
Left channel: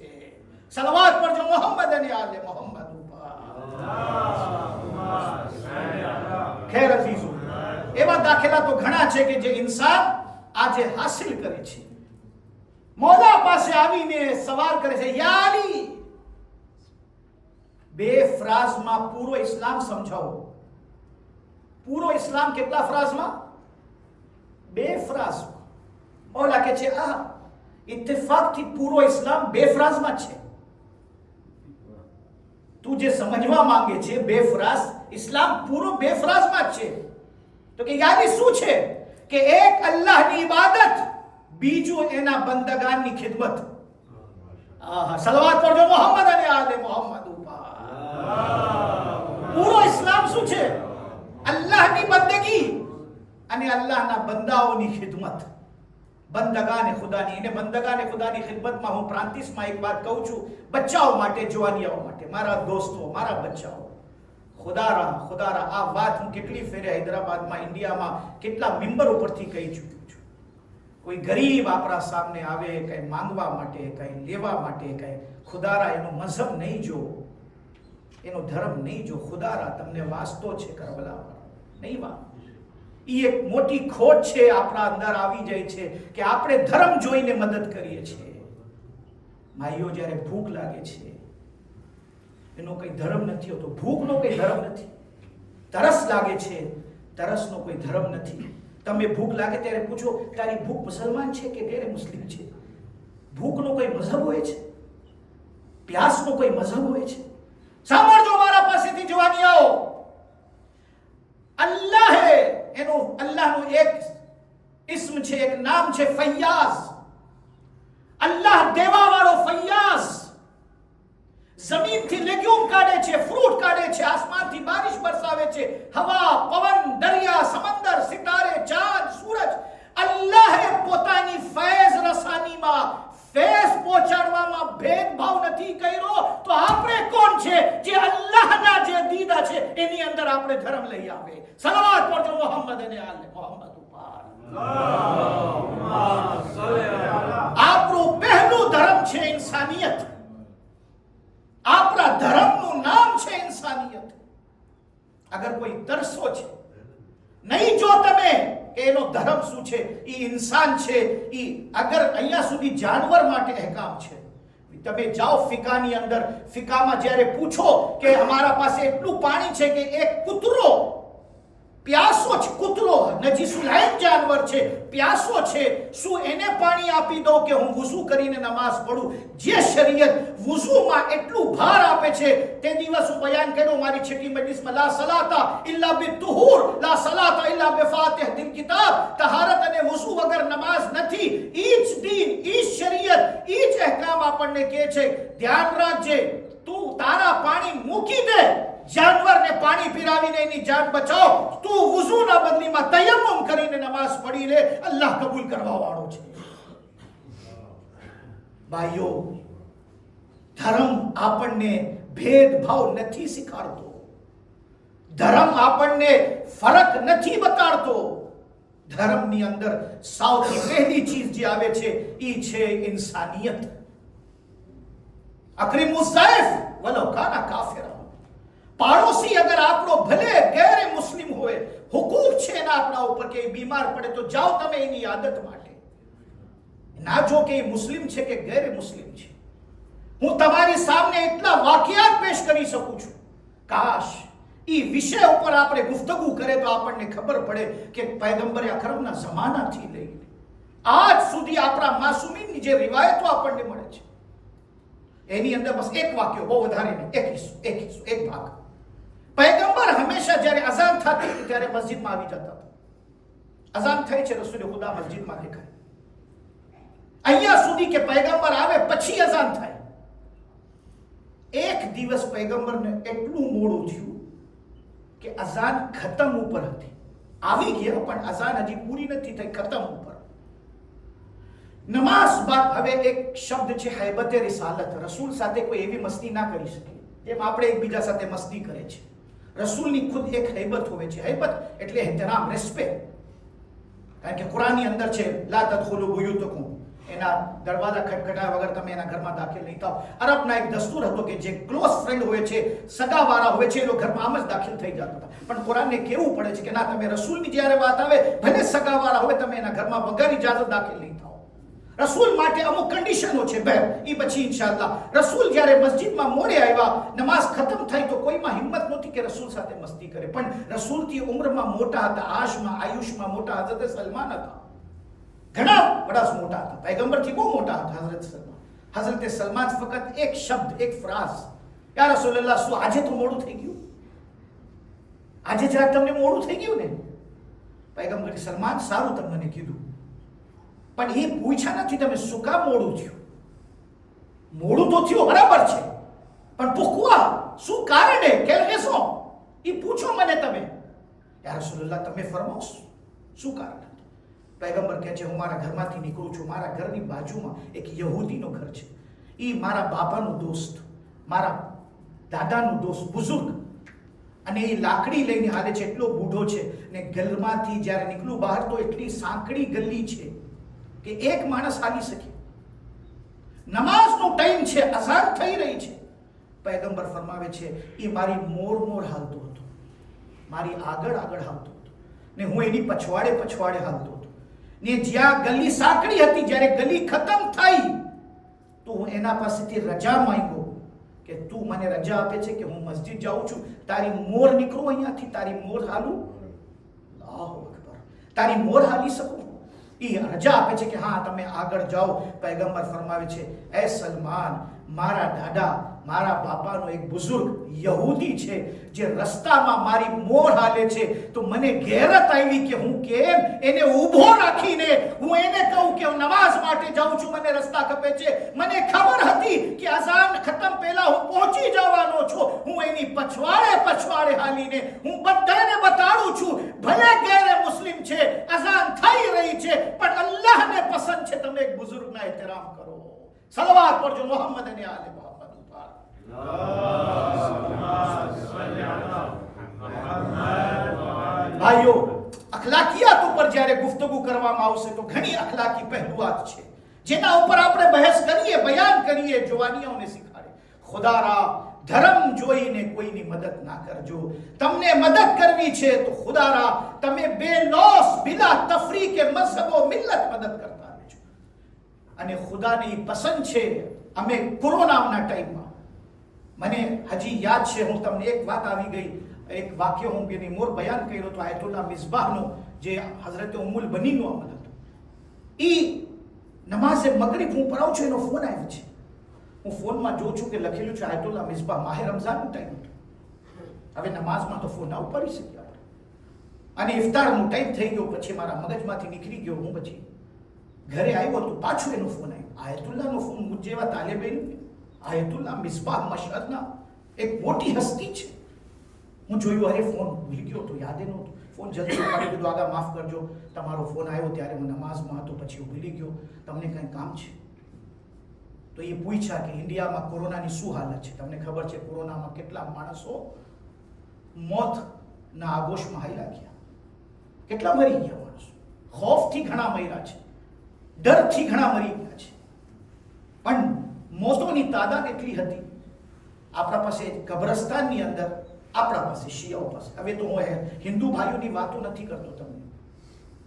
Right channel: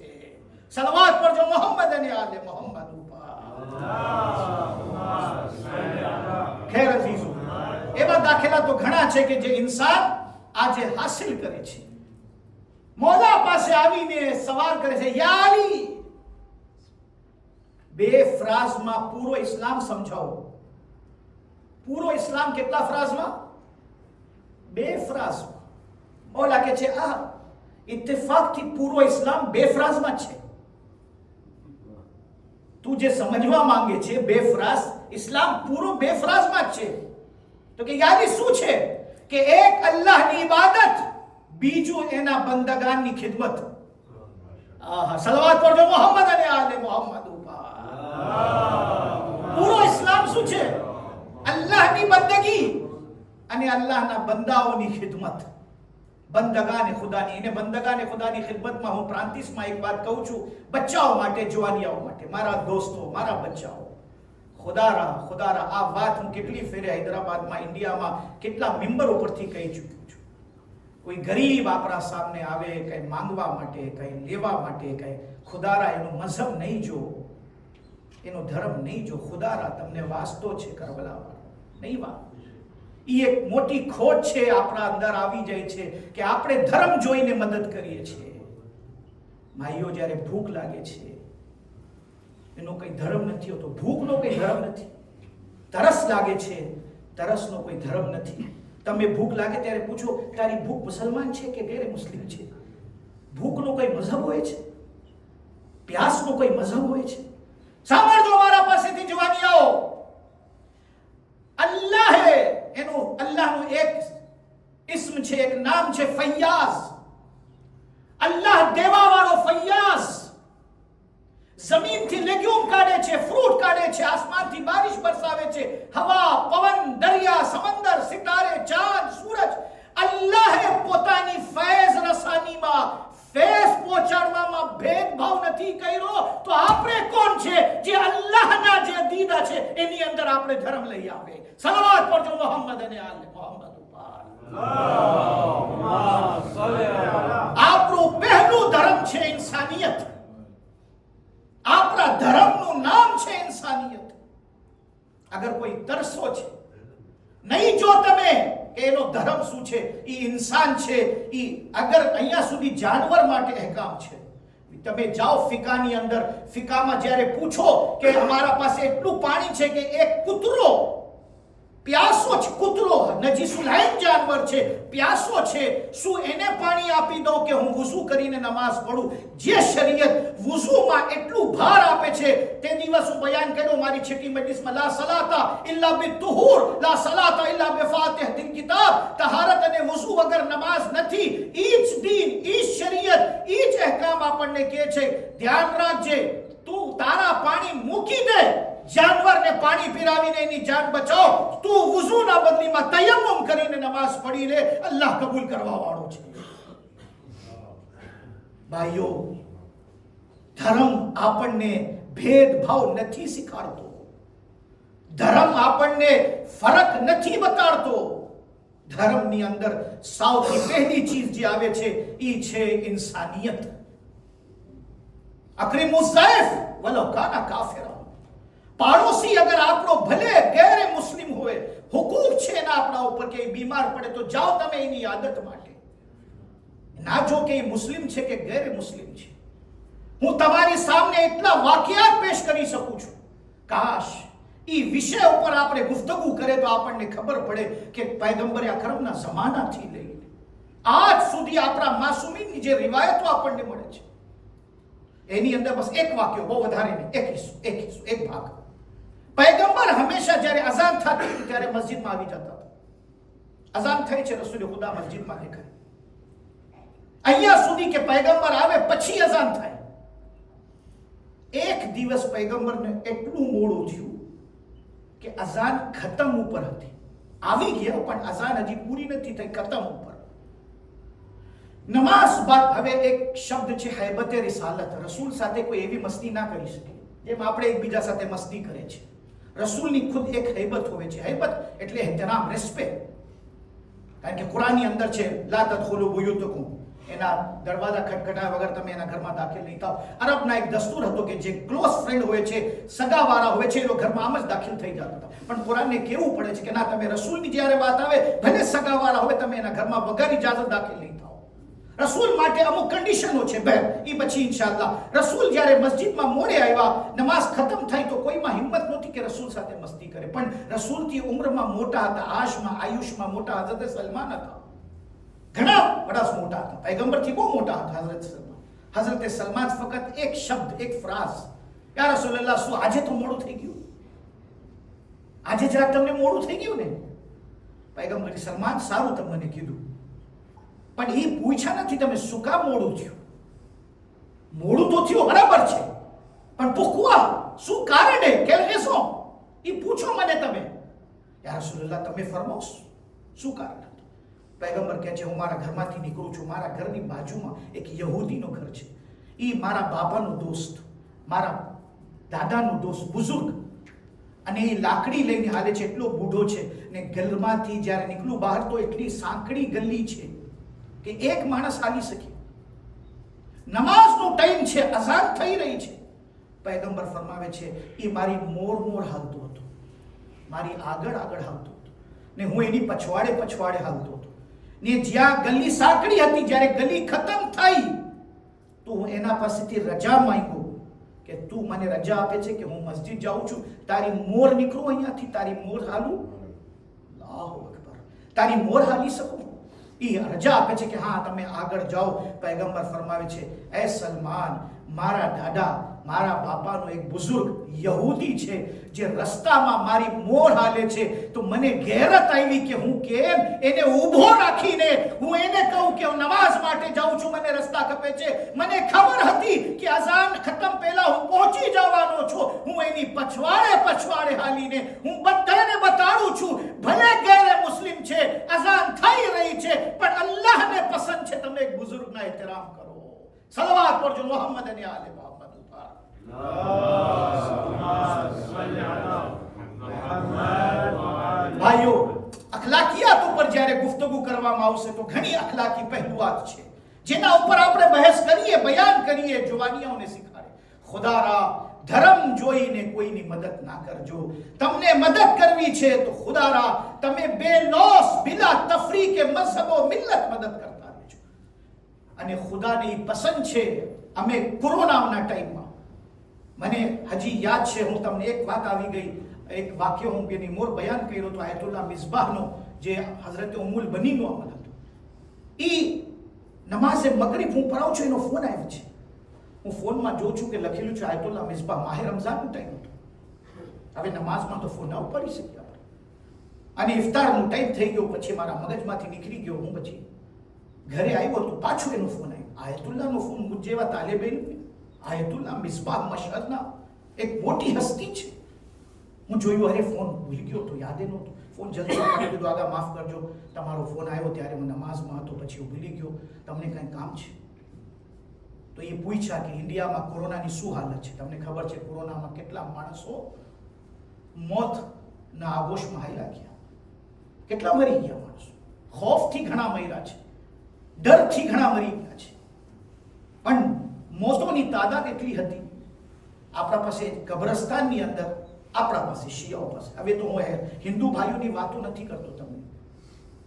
સલવાત પડજો મોહમ્મદ અને આલે મોહમ્મદ ઉપર. ખેર અઝીઝો, એવા દાખલા તો ઘણા છે કે જે ઇન્સાન આજે હાસિલ કરે છે. મૌલા પાસે આવીને સવાલ કરે છે, યા અલી, 2 ફ્રાઝમાં પૂરો ઇસ્લામ સમજાવો. પૂરો ઇસ્લામ કેટલા ફ્રાઝમાં? 2 ફ્રાઝ. મૌલા કહે છે આ ઇત્તફાકથી પૂરો ઇસ્લામ 2 ફ્રાઝમાં છે. તું જે સમજવા માંગે છે બેફરાઝ, ઇસ્લામ પૂરો બેફરાઝમાં જ છે. તો કે યાદી શું છે કે એક અલ્લાહની ઇબાદત, બીજું એના બંદગાનની ખિદમત. આહા, સલવાત પડજો મોહમ્મદ અને આલે મોહમ્મદ ઉપર. પૂરો ઇસ્લામ શું છે? અલ્લાહની બંદગી અને અલ્લાહના બંદાઓની ખિદમત. બંદગાને ખુદાની, એને બંદગાને ખુદાની ખિદમતમાં હું પ્રાંતિશમાં એક વાત કહું છું, બચ્ચાઓ માટે, જવાનિયાઓ માટે, મારા દોસ્તો, મારા બચ્ચાઓ, ખુદારા આ વાત હું કેટલી ફેરે હૈદરાબાદમાં, ઇન્ડિયામાં કેટલા મિંબર ઉપરથી કહી ચૂક્યો છું. કોઈ ગરીબ આપણા સામે આવે કઈ માંગવા માટે, કઈ લેવા માટે, કઈ, ખુદારા એનો મઝહબ નહીં જો, એનો ધર્મ નહીં જો. ખુદારા તમને વાસ્તો છે કરબલામાં નહીં વા. એ એક મોટી ખોટ છે આપણા અંદર આવી જાય છે કે આપણે ધર્મ જોઈને મદદ કરીએ છીએ. માઈઓ જ્યારે ભૂખ લાગે છે એનો કોઈ ધર્મ નથી હોતો, ભૂખનો કોઈ ધર્મ નથી. તરસ લાગે છે, તરસનો કોઈ ધર્મ નથી. તમે ભૂખ લાગે ત્યારે પૂછો તારી ભૂખ મુસલમાન છે કે ગેર મુસ્લિમ છે. ભૂખનો કોઈ મઝહબ હોય છે, પ્યાસનો કોઈ મઝહબ હોય છે. સાંભળજો મારા પાસેથી જવાનિયાઓ, અલ્લાહે એનું, અલ્લાહનું એક ઇસ્મ છે, એક નામ છે ફૈયાઝ. અલ્લાહ દેવા વાળો ફૈયાઝ. જમીનથી લેગ્યુમ કાઢે છે, ફ્રૂટ કાઢે છે, આસમાનથી બારિશ બરસાવે છે, હવા, પવન, દરિયા, સમંદર, સિતારે, ચાંદ, સૂરજ. અલ્લાહે પોતાની ફૈઝ રસાનીમાં, ફૈઝ પહોંચાડવામાં ભેદભાવ નથી કર્યો. તો આપણે કોણ છે જે અલ્લાહના જે દીદા છે એની અંદર આપણે ધર્મ લઈ આવે? સલાવત પડજો મોહમ્મદ અને આલે મોહમ્મદ ઉપર. આપણું પહેલું ધર્મ છે ઇન્સાનિયત. આપણા ધર્મનું નામ છે ઇન્સાનિયત. અગર કોઈ તરસો છે, નહીં જો તમે કે એનો ધર્મ શું છે, એ ઇન્સાન છે. એ અગર અહીંયા સુધી જાનવર માટે અહેકામ છે. તમે જાઓ ફિકાની અંદર, ફિકામાં જ્યારે પૂછો કે અમારા પાસે એટલું પાણી છે કે એક કૂતરો પ્યાસો છે, કૂતરો નજીસુલાઈન જાનવર છે, પ્યાસો છે, શું એને પાણી આપી દઉં કે હું વુઝુ કરીને નમાઝ પઢું? જે શરીયત વુઝુમાં એટલું ભાર આપે છે, તે દિવસ હું બયાન કર્યો મારી છેટી મજલિસમાં, લા સલાતા ઇલ્લા બિતુહુર, લા સલાતા ઇલ્લા બિફાતિહતિલ કિતાબ. તહારત અને વુઝુ વગર નમાઝ નથી. ઈ જ દીન, ઈ જ શરીયત, ઈ જ અહેકામ આપણને કહે છે ધ્યાન રાખજે, તું તારા પાણી મૂકી દે, જાનવરને પાણી પીરાવીને એની જાન બચાવ, તું વુઝુના બદલીમાં તયમ્મુમ કરીને નમાઝ પઢી લે, અલ્લાહ કબૂલ કરવા વાળો છે. ભાઈઓ, ધર્મ આપણને ભેદભાવ નથી શીખવાડતો. ધર્મ આપણને ફરક નથી બતાડતો. ધર્મની અંદર સૌથી પહેલી ચીજ જે આવે છે એ છે ઇન્સાનિયત. અક્રિમુ ઝૈફ વલો કાના કાફિરા. પાડોશી અગર આપણો ભલે ગેર મુસ્લિમ હોય, હુકૂક છે એના આપણા ઉપર કે બીમાર પડે તો જાઓ તમે એની આદત માટે. ના જો કે એ મુસ્લિમ છે કે ગેર મુસ્લિમ છે. હું તમારી સામે એટલા વાકિયાત પેશ કરી શકું છું. કાશ એ વિષય ઉપર આપણે ગુફ્તગુ કરે તો આપણને ખબર પડે કે પૈગંબર અકરમના જમાનાથી લઈને આજ સુધી આપણા માસૂમીની જે રિવાયતો આપણને મળે છે એની અંદર બસ એક વાક્ય, બહુ વધારે નહીં, એક ભાગ. પૈગંબર હંમેશા જ્યારે અઝાન થતી હતી ત્યારે મસ્જિદમાં આવી જતા હતા. અઝાન થઈ છે, રસૂલ ખુદા મસ્જિદમાં દેખાય. અહીંયા સુધી કે પૈગંબર આવે પછી અઝાન થાય. એક દિવસ પૈગંબરને એટલું મોડું થયું કે અઝાન ખતમ ઉપર હતી. આવી ગયા પણ અઝાન હજી પૂરી નથી થઈ, ખતમ ઉપર. નમાઝ બાદ હવે એક શબ્દ છે હૈબતે રિસાલત. રસૂલ સાથે કોઈ એવી મસ્તી ના કરી શકે જેમ આપણે એકબીજા સાથે મસ્તી કરે છે. રસૂલની ખુદ એક હૈબત હોય છે. હૈબત એટલે એહતરામ, રેસ્પેક્ટ. કારણ કે કુરાનની અંદર છે લા તદખુલુ બુયુતકુમ, એના દરવાજા ખટખટાયા વગર તમે એના ઘરમાં દાખલ નહીં થાઓ. અરબના એક દસ્તુર હતો કે જે ક્લોઝ ફ્રેન્ડ હોય છે, સગાવાળા હોય છે, એ ઘરમાં આમ જ દાખલ થઈ જતા હતા. પણ કુરાનને કેવું પડે છે કે ના, તમે રસૂલની જ્યારે વાત આવે ભલે સગાવાળા હોય, તમે એના ઘરમાં વગર ઇજાઝત દાખલ નહીં થાઓ. રસૂલ માટે અમુક કન્ડિશનો છે બહેન, એ પછી ઇન્શાઅલ્લાહ. રસૂલ જ્યારે મસ્જિદમાં મોડે આવ્યા, નમાઝ ખતમ થઈ તો કોઈમાં હિંમત નહોતી કે રસૂલ સાથે મસ્તી કરે. પણ રસૂલથી ઉંમરમાં મોટા હતા, આયુષમાં મોટા હઝરત સલમાન હતા. ઘણા બડા મોટા હતા, પૈગંબરથી બહુ મોટા હતા હઝરત સલમાન. હઝરત સલમાન ફક્ત એક શબ્દ, એક ફ્રાઝ યા રસૂલલ્લાહ, શું આજે તો મોડું થઈ ગયું? આજે જરાક તમને મોડું થઈ ગયું ને? પૈગંબર, સલમાન સારું તમે મને કીધું, પણ એ પૂછ્યા નથી તમે શું કામ મોડું થયું. મોડું તો થયું બરાબર છે, પણ pourquoi, શું કારણે, quelle raison, એ પૂછો મને તમે. યા રસૂલલ્લાહ, તમે ફરમાવો શું કારણ? પૈગંબર કહે છે, હું મારા ઘરમાંથી નીકળું છું, મારા ઘરની બાજુમાં એક યહૂદીનો ઘર છે. એ મારા બાપાનો દોસ્ત, મારા દાદાનો દોસ્ત, બુઝુર્ગ, અને એ લાકડી લઈને હાલે છે, એટલો બૂઢો છે, ને ઘરમાંથી જ્યારે નીકળું બહાર તો એટલી સાંકડી ગલી છે કે એક માણસ હાલી શકે. નમાઝનો ટાઈમ છે, અઝાન થઈ રહી છે. પૈગંબર ફરમાવે છે, એ મારી મોર હાલતો હતો, મારી આગળ હાલતો હતો, ને હું એની પછવાડે હાલતો હતો. ને જ્યાં ગલી સાંકડી હતી, જ્યારે ગલી ખતમ થઈ તો હું એના પાસેથી રજા માંગ્યો કે તું મને રજા આપે છે કે હું મસ્જિદ જાઉં છું, તારી મોર નીકળો અહીંયાથી, તારી મોર હાલું. અલ્લાહુ અકબર, તારી મોર હાલી શકું? એ રજા આપે છે કે હા તમે આગળ જાઓ. પૈગંબર ફરમાવે છે, એ સલમાન, મારા દાદા, મારા બાપાનો એક બુઝુર્ગ યહૂદી છે, જે રસ્તામાં મારી મોર હાલે છે, તો મને ગેરત આવી કે હું કેમ એને ઊભો રાખીને હું એને કહું કે હું નમાઝ માટે જાઉં છું, મને રસ્તા ખપે છે. મને ખબર હતી કે અઝાન ખતમ પહેલા હું પહોંચી જવાનો છું. હું એની પછવાડે હાલીને હું બધાને બતાડું છું, ભલે ગેરે મુસ્લિમ છે, અઝાન થઈ રહી છે, પણ અલ્લાહને પસંદ છે તમે એક બુઝુર્ગના એહતરામ કરો. સલવાત પડજો મોહમ્મદ અને આલે મોહમ્મદ ઉપર. ભાઈઓ, અખલાકિયાત ઉપર જ્યારે ગુફ્તગુ કરવામાં આવશે તો ઘણી અખલાકી પહેલુઆત છે જેના ઉપર આપણે બહેસ કરીએ, બયાન કરીએ, જવાનીઓને શીખાડે. ખુદારા, ધર્મ જોઈને કોઈની મદદ ના કરજો. તમને મદદ કરવી છે તો ખુદારા તમે બેલોસ, બિલા તફરીકે મઝહબ મિલ્લત મદદ કરતા રહેજો. અને ખુદાની પસંદ છે. અમે કોરોનાના ટાઈમમાં, મને હજી યાદ છે, હું તમને એક વાત આવી ગઈ, એક વાક્ય હું એની મોર બયાન કર્યો તો આયતુલ્લાહ મિસબાહનો, જે હઝરત ઉમ્મુલ બનીનો અમલ હતો. એ નમાઝે મગરિબ હું પઢાવું છું, એનો ફોન આવ્યો છે. હું ફોનમાં જોઉં છું કે લખેલું છે આયતુલ્લાહ મિસબાહ, માહે રમઝાનનો ટાઈમ હતો. હવે નમાઝમાં તો ફોન ના ઉપાડી શકીએ આપણે, અને ઇફતારનો ટાઈમ થઈ ગયો. પછી મારા મગજમાંથી નીકળી ગયો. હું પછી ઘરે આવ્યો તો પાછું એનો ફોન આવ્યો. આયતુલ્લાહનો ફોન, મુજ જેવા તાલેબેન, આયતુલ્લાહ મિસબાહ મશહદના એક મોટી હસ્તી છે. હું જોયું, અરે ફોન ભૂલી ગયો તો, યાદ નહોતું. ફોન જલ્દી ઉપાડી દીધો. આગા માફ કરજો, તમારો ફોન આવ્યો ત્યારે હું નમાઝમાં હતો, પછી હું ભૂલી ગયો, તમને કંઈ કામ છે? તો એ પૂછ્યા કે ઇન્ડિયામાં કોરોનાની શું હાલત છે? તમને ખબર છે કોરોનામાં કેટલા માણસો મોતના આગોશમાં હાલ્યા ગયા, કેટલા મરી ગયા માણસો. ખૌફથી ઘણા મર્યા છે, ડરથી ઘણા મરી ગયા છે. પણ મોતોની તાદાદ એટલી હતી. આપણા પાસે કબ્રસ્તાનની અંદર, આપણા પાસે શિયાઓ પાસે, હવે તો હું હિન્દુ ભાઈઓની વાતો નથી કરતો તમને,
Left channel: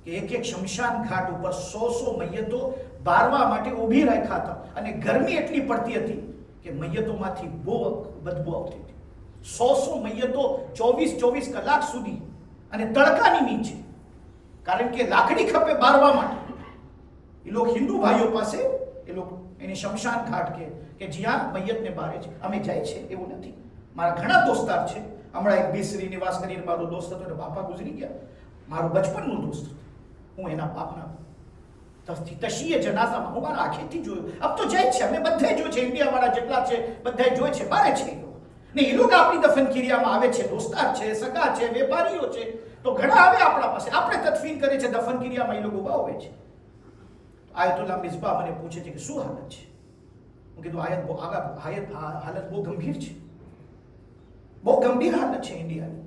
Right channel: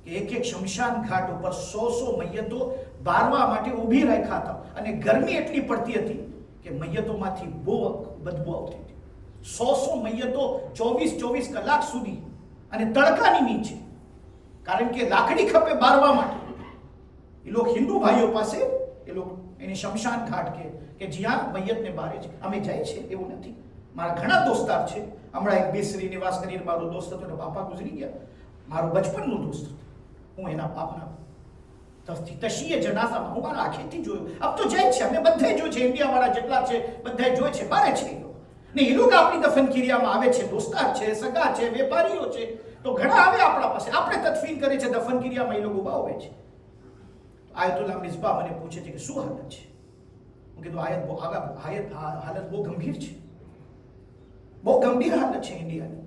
કે એક શમશાન ઘાટ ઉપર 100 મૈયતો બારવા માટે ઊભી રાખ્યા હતા, અને ગરમી એટલી પડતી હતી કે મૈયતોમાંથી બહુ બદબુ આવતી હતી. 100 મૈયતો 24 કલાક સુધી, અને તડકાની નીચે, કારણ કે લાકડી ખપે બારવા માટે. એ લોકો હિન્દુ ભાઈઓ પાસે, એ લોકો એને શમશાન ઘાટ કે જ્યાં મૈયતને બારે છે. અમે જાય છે એવું નથી. મારા ઘણા દોસ્તાર છે. હમણાં એક બેસરી નિવાસ કરીને મારો દોસ્ત હતો, ને બાપા ગુજરી ગયા. મારો બચપનનો દોસ્ત હતો. હું એના બાપના તશીએ જનાઝામાં હું મારા આંખેથી જોયું. અબ તો જાય છે, અમે બધે જોયું છે, ઇન્ડિયાવાળા જેટલા છે બધા જોયે છે, બારે છે એ લોકો. ને એ લોકો આપણી દફન ક્રિયામાં આવે છે. દોસ્તાર છે, સગા છે, વેપારીઓ છે, તો ઘણા આવે આપણા પાસે. આપણે તદફીન કરે છે, દફન ક્રિયામાં એ લોકો બાવે છે. આયતુલ્લાહ મિસબાહ મને પૂછે છે કે શું હાલત છે? હું કીધું હાલત બહુ ગંભીર છે, બહુ ગંભીર હાલત છે ઇન્ડિયાની.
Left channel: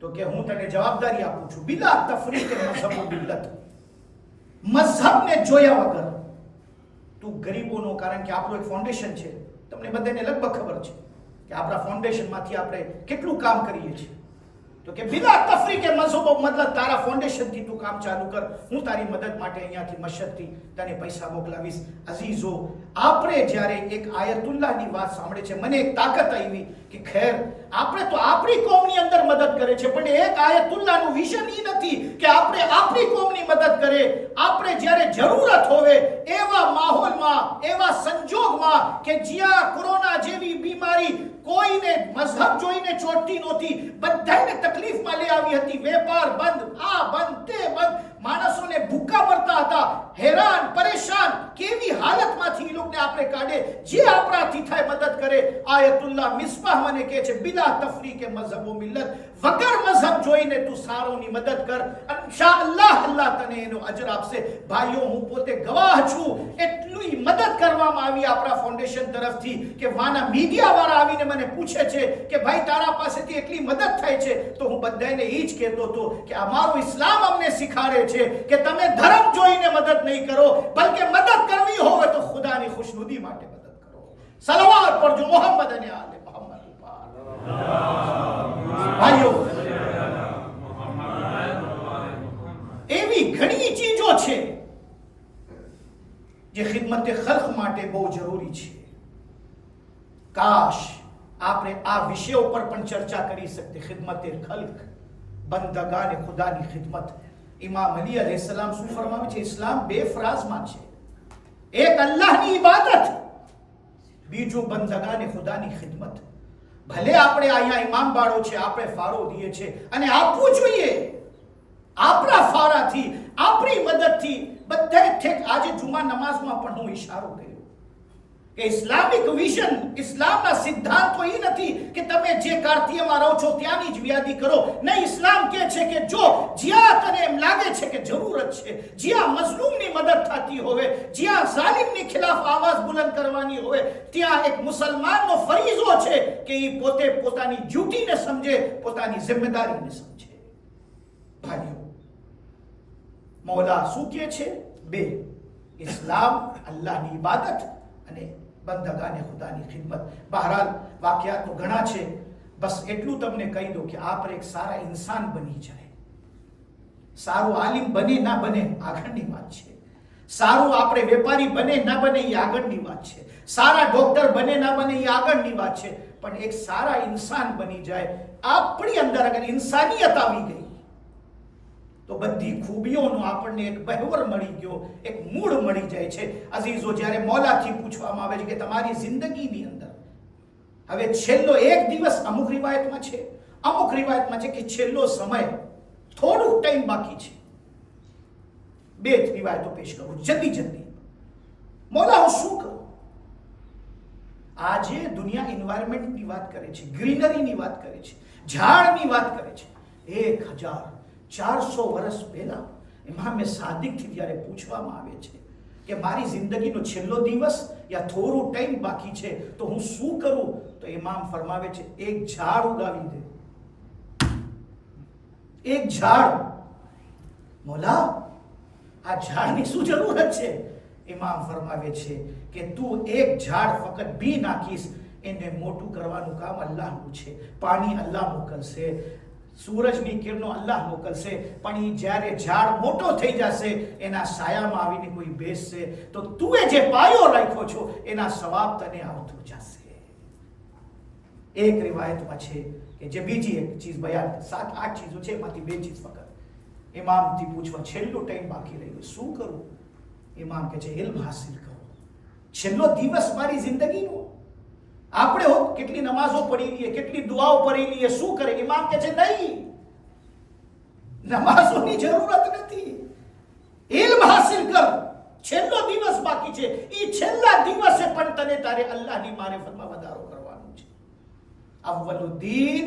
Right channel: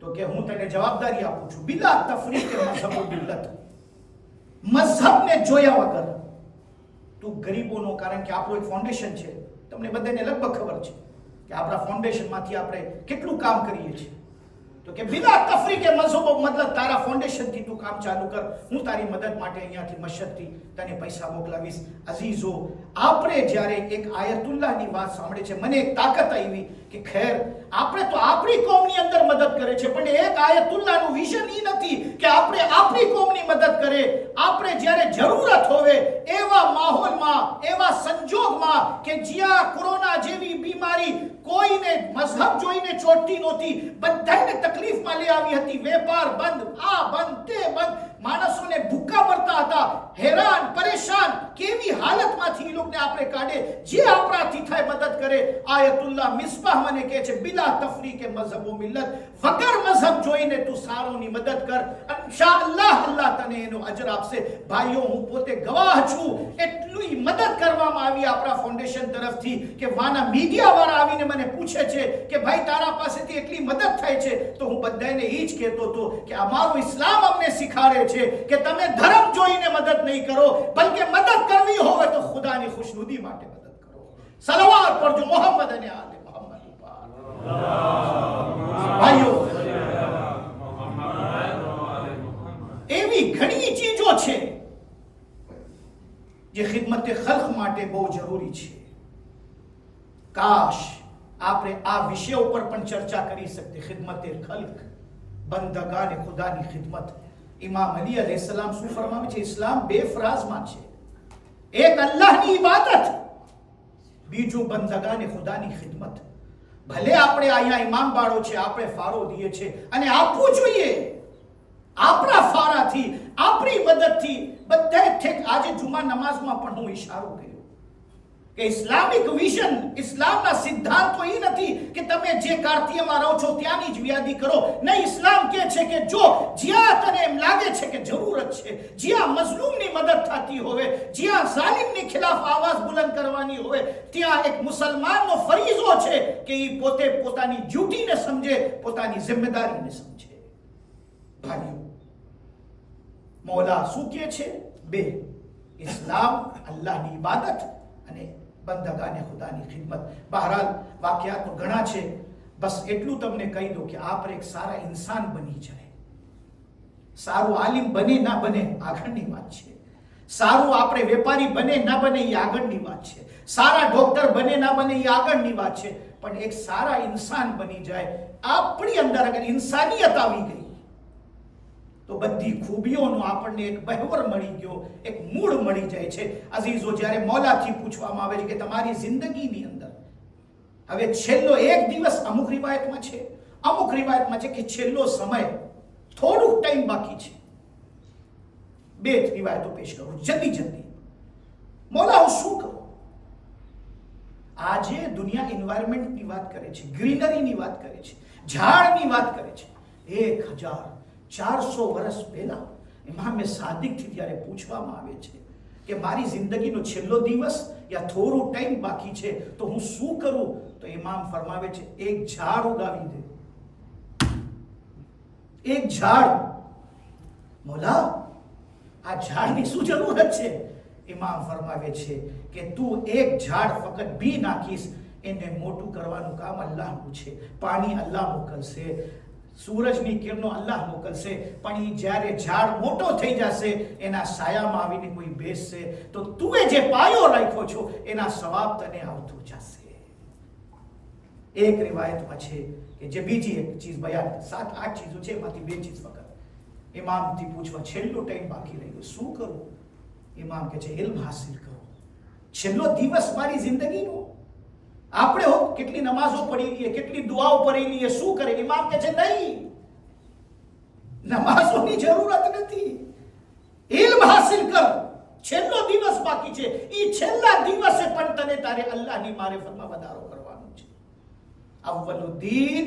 તો કે હું તને જવાબદારી આપું છું, બિલા તફરીકે મઝહબ મિલ્લત, મઝહબને જોયા વગર તું ગરીબોનો, કારણ કે આપણું એક ફાઉન્ડેશન છે, તમને બધાને લગભગ ખબર છે કે આપણા ફાઉન્ડેશનમાંથી આપણે કેટલું કામ કરીએ છીએ. તો કે બિલા તફરીકે મઝહબ, મતલબ તારા ફાઉન્ડેશનથી તું કામ ચાલુ કર, હું તારી મદદ માટે અહીંયાથી મશદથી તને પૈસા મોકલાવીશ. અઝીઝો, આપણે જ્યારે એક આયતુલ્લાહની વાત સાંભળે છે, મને એક તાકાત આવી કે ખેર આપણે તો આપણી કોમની અંદર મદદ કરે છે, પણ એક આયતુલ્લાહનું વિઝન એ નથી કે આપણે આપણી કોમની મદદ કરે. આપણે જ્યારે જરૂરત હોવે એવા માહોલમાં, એવા સંજોગમાં કે જ્યાં કોરોના જેવી બીમારી જોઈને, મઝહબ જોઈને ચોટતી નહોતી, બધાને તકલીફમાં લઈ આવી હતી. વેપાર બંધ, આ બંધ, તે બંધ, માણસોને ભૂખા મરતા હતા, હેરાન પરેશાન. કેવી હાલતમાંથી એ લોકોને આપણે કાઢે, જે આપણાથી થાય મદદ કરે. આયતુલ્લાહ મિસ્બાહ મને કહે છે, બિલા તફરીકે મઝહબ વ મિલ્લત, વગર મઝહબ જોઈને તું સારોની મદદ કર, ઇન્શાઅલ્લાહ અલ્લાહ તને એનો અજર આપશે. ભાઈઓ, હું પોતે ગવાહ છું. એટલી મદદ કરવામાં આવી આપણા ફાઉન્ડેશન તરફથી કે વાના મીડિયા વાળા આવીને મને પૂછે છે કે ભાઈ તારા પાસેથી એટલી મદદ થાય છે. તો હું બધાને એ જ કહેતો હતો કે અમારું ઇસ્લામ અમને શીખાડે છે કે તમે ધર્મ જોઈને મદદ નહીં કરો, બલકે મદદ કરવી હોય તો ખુદાની ખુશનુદી માટે મદદ કરો. સલાવત પડજો મોહમ્મદ અને આલે મોહમ્મદ ઉપર. ભાઈઓ, એવી ઘણી ચીજો છે જે ખિદમતે ખલ્ક માટે બહુ જરૂરી છે. કાશ આપણે આ વિષય ઉપર પણ ચર્ચા કરી શકતે. ખિદમતે ખલ્ક, બંદગાને ખુદાની ખિદમત. ઇમામ અલી અલૈહિસ્સલામ શું ફરમાવે છે? ઇસ્લામ બે ફરાઝમાં છે. એક અલ્લાહની ઇબાદત, બીજું બંદગાને ખુદાની ખિદમત. ભલે આપણે અહીંયા ઇમામ બાળો છે, આપણે ફારો દઈએ છે અને આપવું જોઈએ. આપણા ફારાથી, આપણી મદદથી બધાએ ઠેક. આજે જુમા નમાઝમાં પણ હું ઇશારો કર્યો કે ઇસ્લામિક વિઝન, ઇસ્લામના સિદ્ધાંતો એ નથી કે તમે જે કાર્તિયામાં રહો છો ત્યાંની જ વ્યાદી કરો. નહીં, ઇસ્લામ કહે છે કે જો જ્યાં તને એમ લાગે છે કે જરૂરત છે, જ્યાં મઝલૂમની મદદ થતી હોય, જ્યાં ઝાલિમની ખિલાફ આવાજ બુલંદ કરવાની હોય, ત્યાં એક મુસલમાનનો ફરીઝો છે કે એ પોતે પોતાની ડ્યુટીને સમજે, પોતાની જિમ્મેદારીને સમજે. ભાઈઓ, મૌલા શું કહે છે? બે, ઇસ્લામ, અલ્લાહની ઇબાદત અને બંદગાને ખુદાની ખિદમત. બહરહાલ વાકયાત તો ઘણા છે, બસ એટલું તમને કહી દો કે આપણે એક સારા ઇન્સાન બની જાય. સારું આલિમ બને ના બને આગળની વાત છે. સારું આપણે વેપારી બને ના બને એ આગળની વાત છે. સારા ડોક્ટર બને ના બને એ આગળની વાત છે. પણ એક સારા ઇન્સાન બની જાય. આપણી અંદર અગર ઇન્સાનિયત આવી ગઈ તો બધી ખૂબીઓનો આપણને એક બહેવર મળી ગયો, એક મૂળ મળી જાય છે. અઝીઝો, જ્યારે મૌલાથી પૂછવામાં આવે છે કે તમારી જિંદગીની અંદર હવે છેલ્લો એક દિવસ, અમુક રિવાયતમાં છે, અમુક રિવાયતમાં છે કે છેલ્લો સમય, થોડુંક ટાઈમ બાકી છે. બે જ રિવાયતો પેશ કરું જલ્દી જલ્દી. મૌલા, હું શું કરું? આજે દુનિયા એન્વાયરમેન્ટની વાત કરે છે, ગ્રીનરીની વાત કરે છે, ઝાડની વાત કરે છે. 1400 વર્ષ પહેલા ઇમામે સાદિકથી જ્યારે પૂછવામાં આવે છે કે મારી જિંદગીનો છેલ્લો દિવસ યા થોડું ટાઈમ બાકી છે તો હું શું કરું, તો ઇમામ ફરમાવે છે એક ઝાડ ઉગાવી દે. એક ઝાડ. મોલા, આ ઝાડની શું જરૂરત છે? ઇમામ ફરમાવે છે કે તું એક ઝાડ ફક્ત બી નાખીશ, એને મોટું કરવાનું કામ અલ્લાહનું છે. પાણી અલ્લાહ મોકલશે, સૂરજની કિરણો અલ્લાહ મોકલશે, પણ એ જ્યારે ઝાડ મોટો થઈ જશે, એના સાયામાં આવીને કોઈ બેસશે તો તું જે પાયો રાખ્યો છો એના સવાબ તને આવતું જશે. એક રિવાયતમાં છે કે જે બીજી એક ચીજ બયાન, 7-8 ચીજો છે, એમાંથી 2 ચીજ ફક્ત ઇમામથી પૂછવા છેલ્લો ટાઈમ બાકી રહ્યો, શું કરું? ઇમામ કહે છે ઇલ્મ હાસિલ કરો. છેલ્લો દિવસ મારી જિંદગીનો. આપણે હો કેટલી નમાઝો પડી લઈએ, કેટલી દુઆઓ પડી લઈએ, શું કરે? ઇમામ કહે છે નહીં, નમાઝોની જરૂરત નથી, ઇલ્મ હાસિલ કર. છેલ્લો દિવસ બાકી છે, એ છેલ્લા દિવસે પણ તને તારે અલ્લાહની મારિફતમાં વધારો કરવાનો છે. અવ્વલુદ્દીન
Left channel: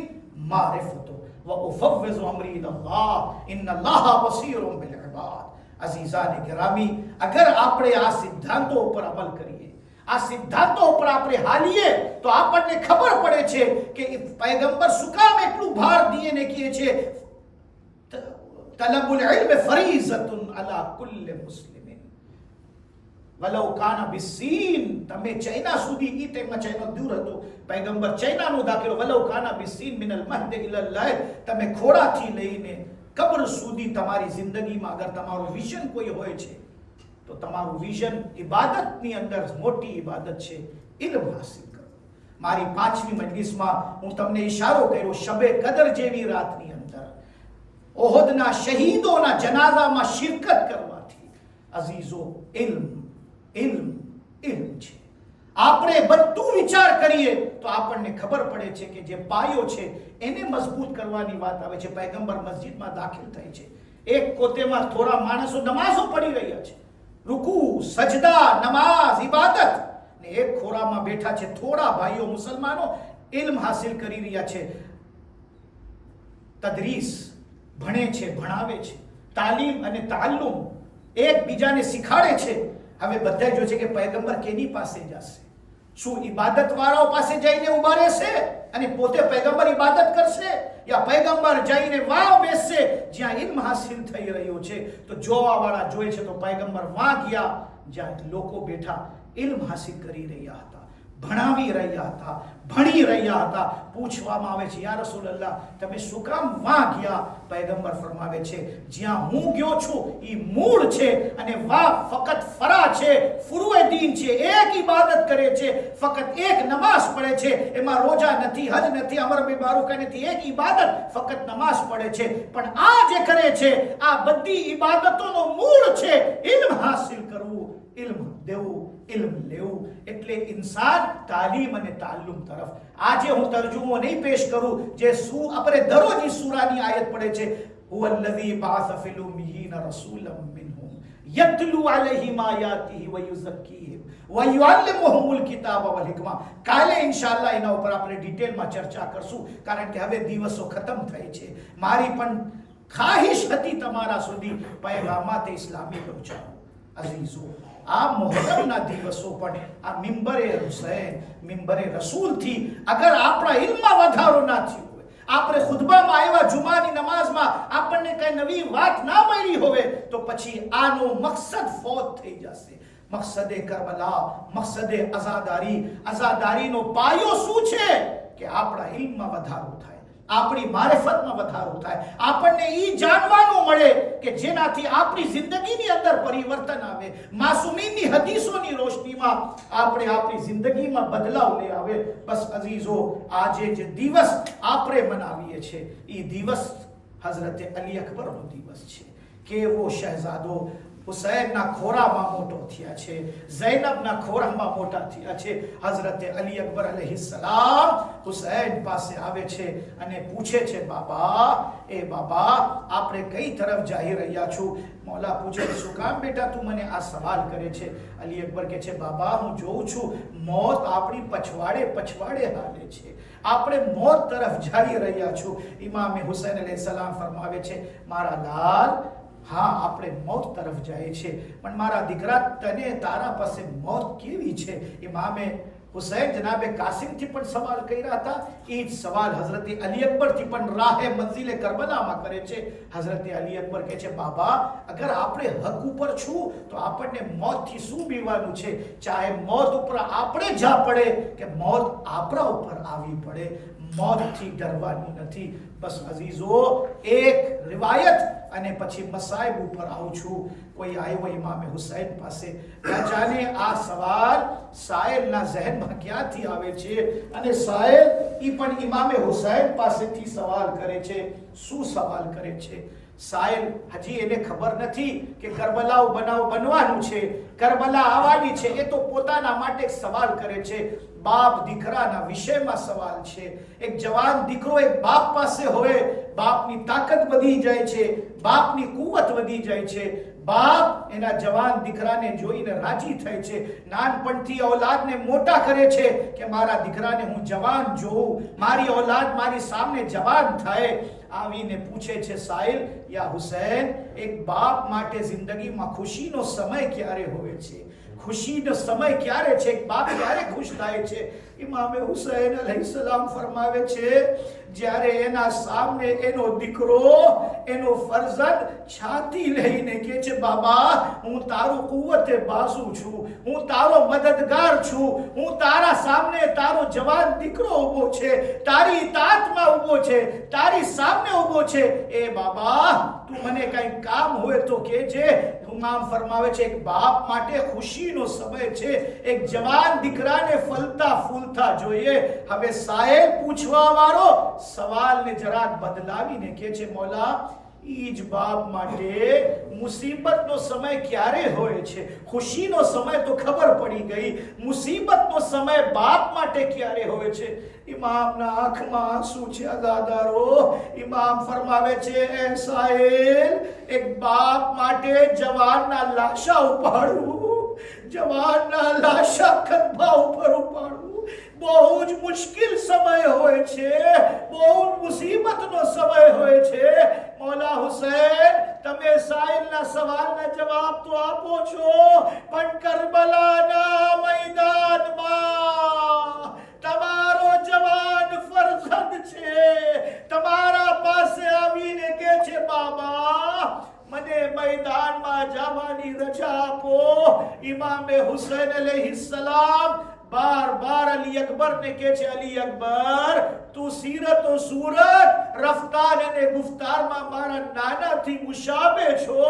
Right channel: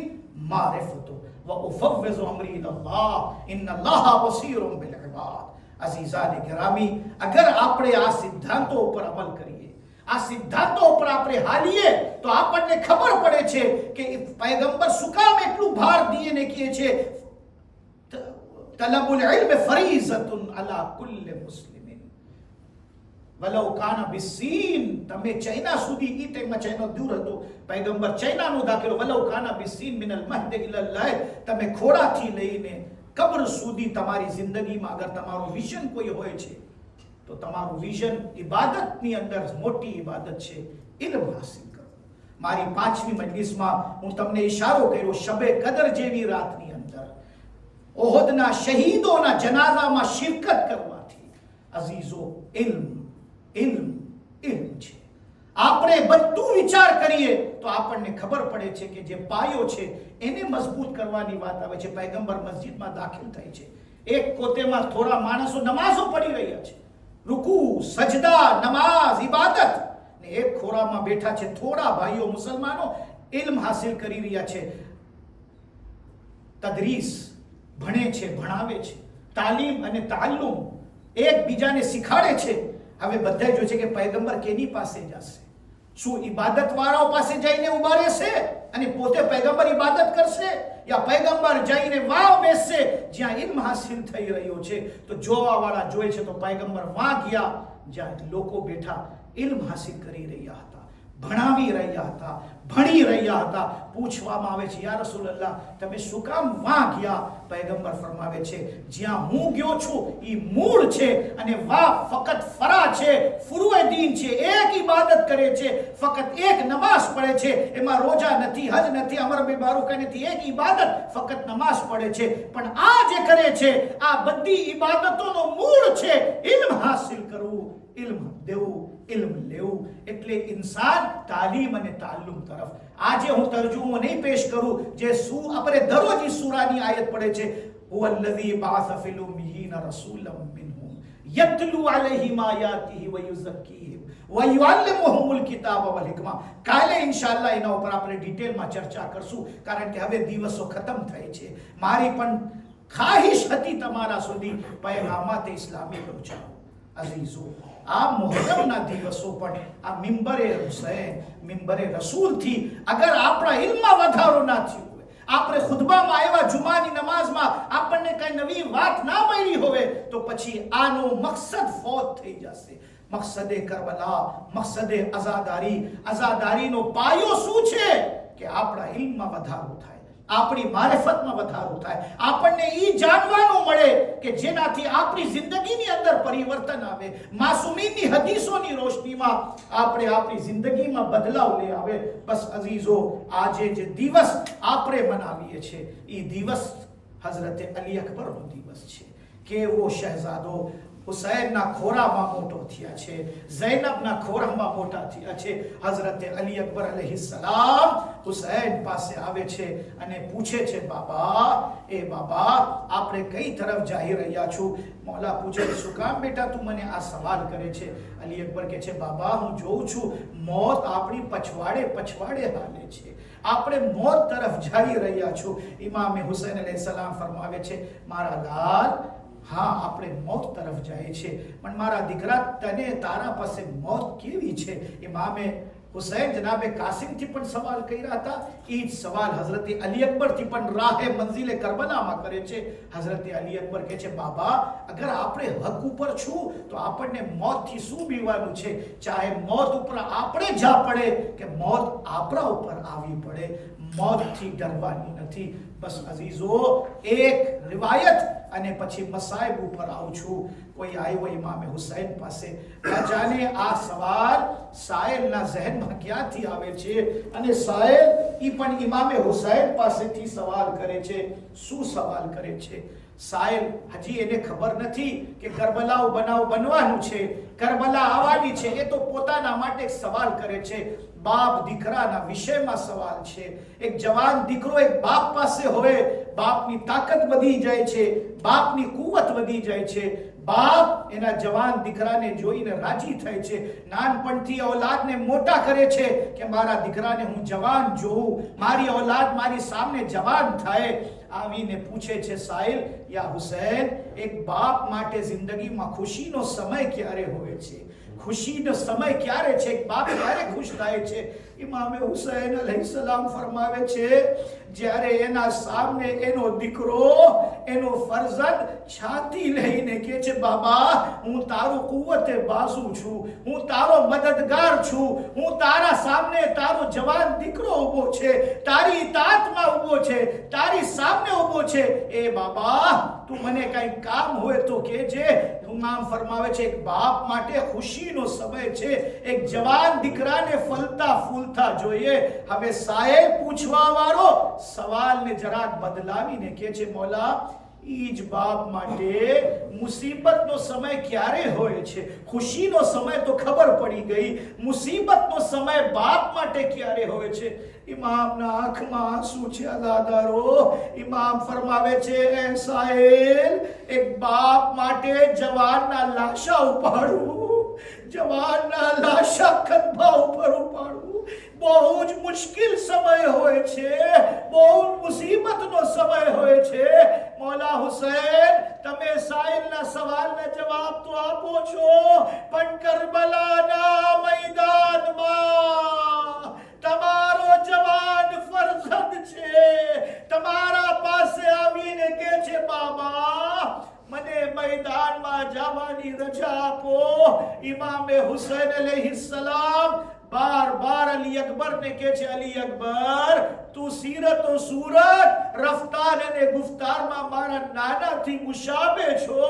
મારિફતો વ ઉફવ્વિઝુ અમરી ઇલલ્લાહ ઇન્નલ્લાહ બસીરુમ બિલ ઇબાદ. અઝીઝાને ગિરામી, અગર આપણે આ સિદ્ધાંતો ઉપર અમલ કરીએ, આ સિદ્ધાંતો ઉપર આપણે હાલીએ તો આપણને ખબર પડે છે કે પૈગંબર શું કામ એટલું ભાર દઈને કહે છે તલબુલ ઇલ્મ ફરીઝતુન અલા કુલ્લી મુસ્લિમિન વલૌ કાના બિસીન. તમે ચાઇના સુધી, ઈ ટાઈમમાં ચાઇના દૂર હતો, પૈગંબર ચાઇનાનો દાખલો, વલૌ કાના બિસીન મિનલ મહદ ઇલલ લાહ. તમે ખોડાથી લઈને કબર સુધી તમારી જિંદગીમાં અગર તમારું વિઝન કોઈ હોય છે તો તમારું વિઝન ઇબાદતની અંદર મોટી ઇબાદત છે, ઇલ્મ હાસિલ કરો. મારી 5મી મજલિસમાં હું તમને ઇશારો કર્યો, શબે કદર જેવી રાતની અંદર ઓહદના શહીદોના જનાઝામાં શિરકત કરવાથી અઝીઝો ઇલ્મ ઇલ્મ ઇલ્મ છે. આપણે બધું વિચાર કરીએ તો આપણને ખબર પડે છે કે જે પાયો છે એને મજબૂત કરવાની વાત આવે છે. પૈગંબર મસ્જિદમાં દાખલ થાય છે, એક કોતેમાં થોડા માણસો નમાઝો પડી રહ્યા છે, રૂકુ, સજદા, નમાઝ, ઇબાદત, ને એક ખોરામાં બેઠા છે થોડા ભાઈઓ મુસલમાનો ઇલ્મ હાસિલ કરી રહ્યા છે, તદરીસ ભણે છે, ભણાવે છે, તાલીમ અને તાલ્લુમ એકબીજાને શીખાડે છે. હવે બધા જો છે કે પૈગંબર કેની પાસે જશે? શું ઇબાદત વાળાઓ પાસે જઈને ઉભા રહેશે અને પોતે પૈગંબર ઇબાદત કરશે, યા પૈગંબર જઈને વાવ બેસશે જ્યાં ઇલ્મ હાસિલ થઈ રહ્યો છે? તો જોવા વાળા જોઈ છે તો પૈગંબર વાં ગયા જ્યાં લોકો બેઠા ઇલ્મ હાસિલ કરી રહ્યા હતા, ભણાવી રહ્યા હતા, ભણી રહ્યા હતા. પૂછવામાં આવે છે, યા રસૂલલ્લાહ તમે શું કામ વાં ગયા? પૈગંબર ફરમાવે છે, જ્યાં હું ગયો છું એ મૂળ છે અને વાહ ફકત ફરા છે, ફુરુએ દીન છે, એક ઇબાદત કરે છે, ફકત એક નમાઝ પડે છે, એમાં રોજા નથી, હજ નથી, અમર બિન બારુકા નથી, એક ઇબાદત ફકત નમાઝ પડે છે. પણ આ જે કરે છે આ બધી ઇબાદતોનો મૂળ છે ઇલ્મ હાસિલ કરવું, ઇલ્મ દેવું, ઇલ્મ લેવું. એટલે ઇન્સાન તાલીમ અને તાલ્લુમ તરફ. આજે હું તર્જુમો નહીં પેશ કરું, જે આપણે દરરોજ સૂરાની આયત પડે છે, હુવલ્લઝી બઅસ ફિલ ઉમ્મિયીના રસૂલમ મિનહુમ યત્લુ અલૈહિમ આયાતિહી વ યુઝક્કીહિમ વ યુઅલ્લિમુહુમુલ કિતાબ વલ હિકમા. કાલે ઇન્શાઅલ્લાહ એના ઉપર આપણે ડિટેલમાં ચર્ચા કરશું, કારણ કે હવે દિવસો ખતમ થાય છે. મારી પણ ખાહિશ હતી તમારા સુધી પૈગામાત ઇસ્લામી પહોંચાડો. અઝીઝો, આ મુહર્રમના દિવસો પણ આ મિંબરે હુસૈન, મિંબરે રસૂલથી અગર આપણા ઇલ્મમાં વધારો ના થયો હોય, આપણે ખુતબામાં આવ્યા જુમાની નમાઝમાં આપણને કઈ નવી વાત ના મળી હોય, તો પછી આનો મકસદ ફોત થઈ જશે. મકસદે કરબલા, મકસદે આઝાદારીનો પાયો શું છે? કે આપણા ઇલ્મમાં વધારો થાય, આપણી મારિફતમાં વધારો થાય, આપણને ઈ જાણવાનું મળે કે જેનાથી આપણી જિંદગીની અંદર પરિવર્તન આવે, માસૂમીની હદીસોની રોશનીમાં આપણે આપણી જિંદગીમાં બદલાવ લઈ આવે. બસ અઝીઝો, આજે જે દિવસ આપણે મનાવીએ છીએ એ દિવસ હઝરત અલી અકબરનો દિવસ છે. કેવો શહેઝાદો હુસૈનના ખોરામાં મોટો થયા છે, ઝૈનબના ખોરામાં મોટા થયા છે. હઝરત અલી અકબર અલૈહિસ્સલામ હુસૈન પાસે આવે છે અને પૂછે છે, બાબા, એ બાબા, આપણે કઈ તરફ જઈ રહ્યા છું? મૌલા પૂછે, શું કામ બેટા તું મને આ સવાલ કરે છે? અલી અકબર કહે છે, બાબા, હું જોઉં છું મોત આપણી પછવાડે હાલે છે, આપણે મોત તરફ જઈ રહ્યા છું. ઇમામ હુસૈન અલૈહિસ્સલામ ફરમાવે છે, મારા લાલ, હા, આપણે મોત તરફ જાય છે, પણ મારા દીકરા, તને તારા પાસે મોત કેવી છે? ઇમામે હુસૈન જનાબે કાસિમથી પણ સવાલ કર્યા હતા, એ જ સવાલ હઝરત અલી અકબરથી પણ રાહે મંઝિલે કરબલામાં કરે છે. હઝરત અલી અકબર કહે છે, બાબા, અગર આપણે હક ઉપર છું તો આપણને મોતથી શું બીવાનું છે? ચાહે મોત ઉપર આપણે જા પડે કે મોત આપણા ઉપર આવી પડે, મોતથી ડરવાની નથી. બસ અઝીઝો, એક રિવાયત અને પછી મસાઇબ ઉપર આવું છું. કોઈ આવ્યો ઇમામે હુસૈન પાસે, ના જાણે આ સવાલ સાયલના ઝહેનમાં ક્યાંથી આવે છે, અને સાયલ ઈ પણ ઇમામે હુસૈન પાસેથી સવાલ કરે છે. શું સવાલ કરે છે? સાયલ હજી એને ખબર નથી કે કરબલાઓ બનવાનું છે, કરબલા આવવાની છે. એ તો પોતાના માટે સવાલ કરે છે. બાપ દીકરાના વિષયમાં સવાલ છે. એક જવાન દીકરો એક બાપ પાસે હોય, બાપની તાકાત વધી જાય છે, બાપની કુવત વધી જાય છે. બાપ એના જવાન દીકરાને જોઈને રાજી થાય છે, નાનપણથી ઔલાદને મોટા કરે છે કે મારા દીકરાને હું જવાન જોઉં, મારી ઔલાદ મારી સામે જવાન થાય. આવીને પૂછે છે સાહિલ, યા હુસૈન, એક બાપ માટે જિંદગીમાં ખુશીનો સમય ક્યારે હોય છે? ખુશીનો સમય ક્યારે છે? એક બાપ ક્યારે ખુશ થાય છે? ઇમામે હુસૈન અલૈહિસ્સલામ ફરમાવે છે, જ્યારે એના સામે એનો દીકરો, એનો ફરઝંદ છાતી લઈને કહે છે, બાબા, હું તારો કુવતે બાઝુ છું, હું તારો મદદગાર છું, હું તારા સામે તારો જવાન દીકરો ઊભો છે, તારી ઇતાઅતમાં ઊભો છે, તારી સામે ઊભો છે. એ બાબા, તું મને કઈ કામ હોય તો કહેજે. ઇમામ ફરમાવે છે, એક બાપ માટે ખુશીનો સમય છે, એક જવાન દીકરાને ફલતા ફૂલતા જોઈએ. હવે સાહેબ પૂછવા વાળો સવાલને જરાક બદલાવીને કહે છે, મૌલા, ઈ જ બાપ માટે મુસીબતનો સમય ક્યારે હોય છે? ખુશીનો સમય તો ખબર પડી ગઈ, મુસીબતનો સમય બાપ માટે ક્યારે હોય છે? ઇમામના આંખમાં આંસુ છે અદાદારો. ઇમામ ફરમાવે છે, એ સાહેલ, એક બાપ માટે જવાનના લાશા ઉપાડવું, જવાનના લાશા ખંભા ઉપર ઉપાડવું બહુ જ મુશ્કેલ સમય હોય છે, બહુ જ મુસીબતનો સમય હોય છે. મૌલા હુસૈન, તમે સાહિલના સવાલના જવાબ તો આપો છો, પણ કરબલાના મેદાનમાં તમારો જવાન ફરજંદ છે, તમારા પાસે આવીને કે છે, બાબા મને મેદાનમાં જવાની રજા આપો. ઇમામે હુસૈન અલૈહિસ્સલામ બાર અલી અકબર ને કહે છે, અલી અકબર, તું સીરત ઓ સૂરત, રફતાર અને ગુફતારમાં મારા નાનાથી મુશાબે છો,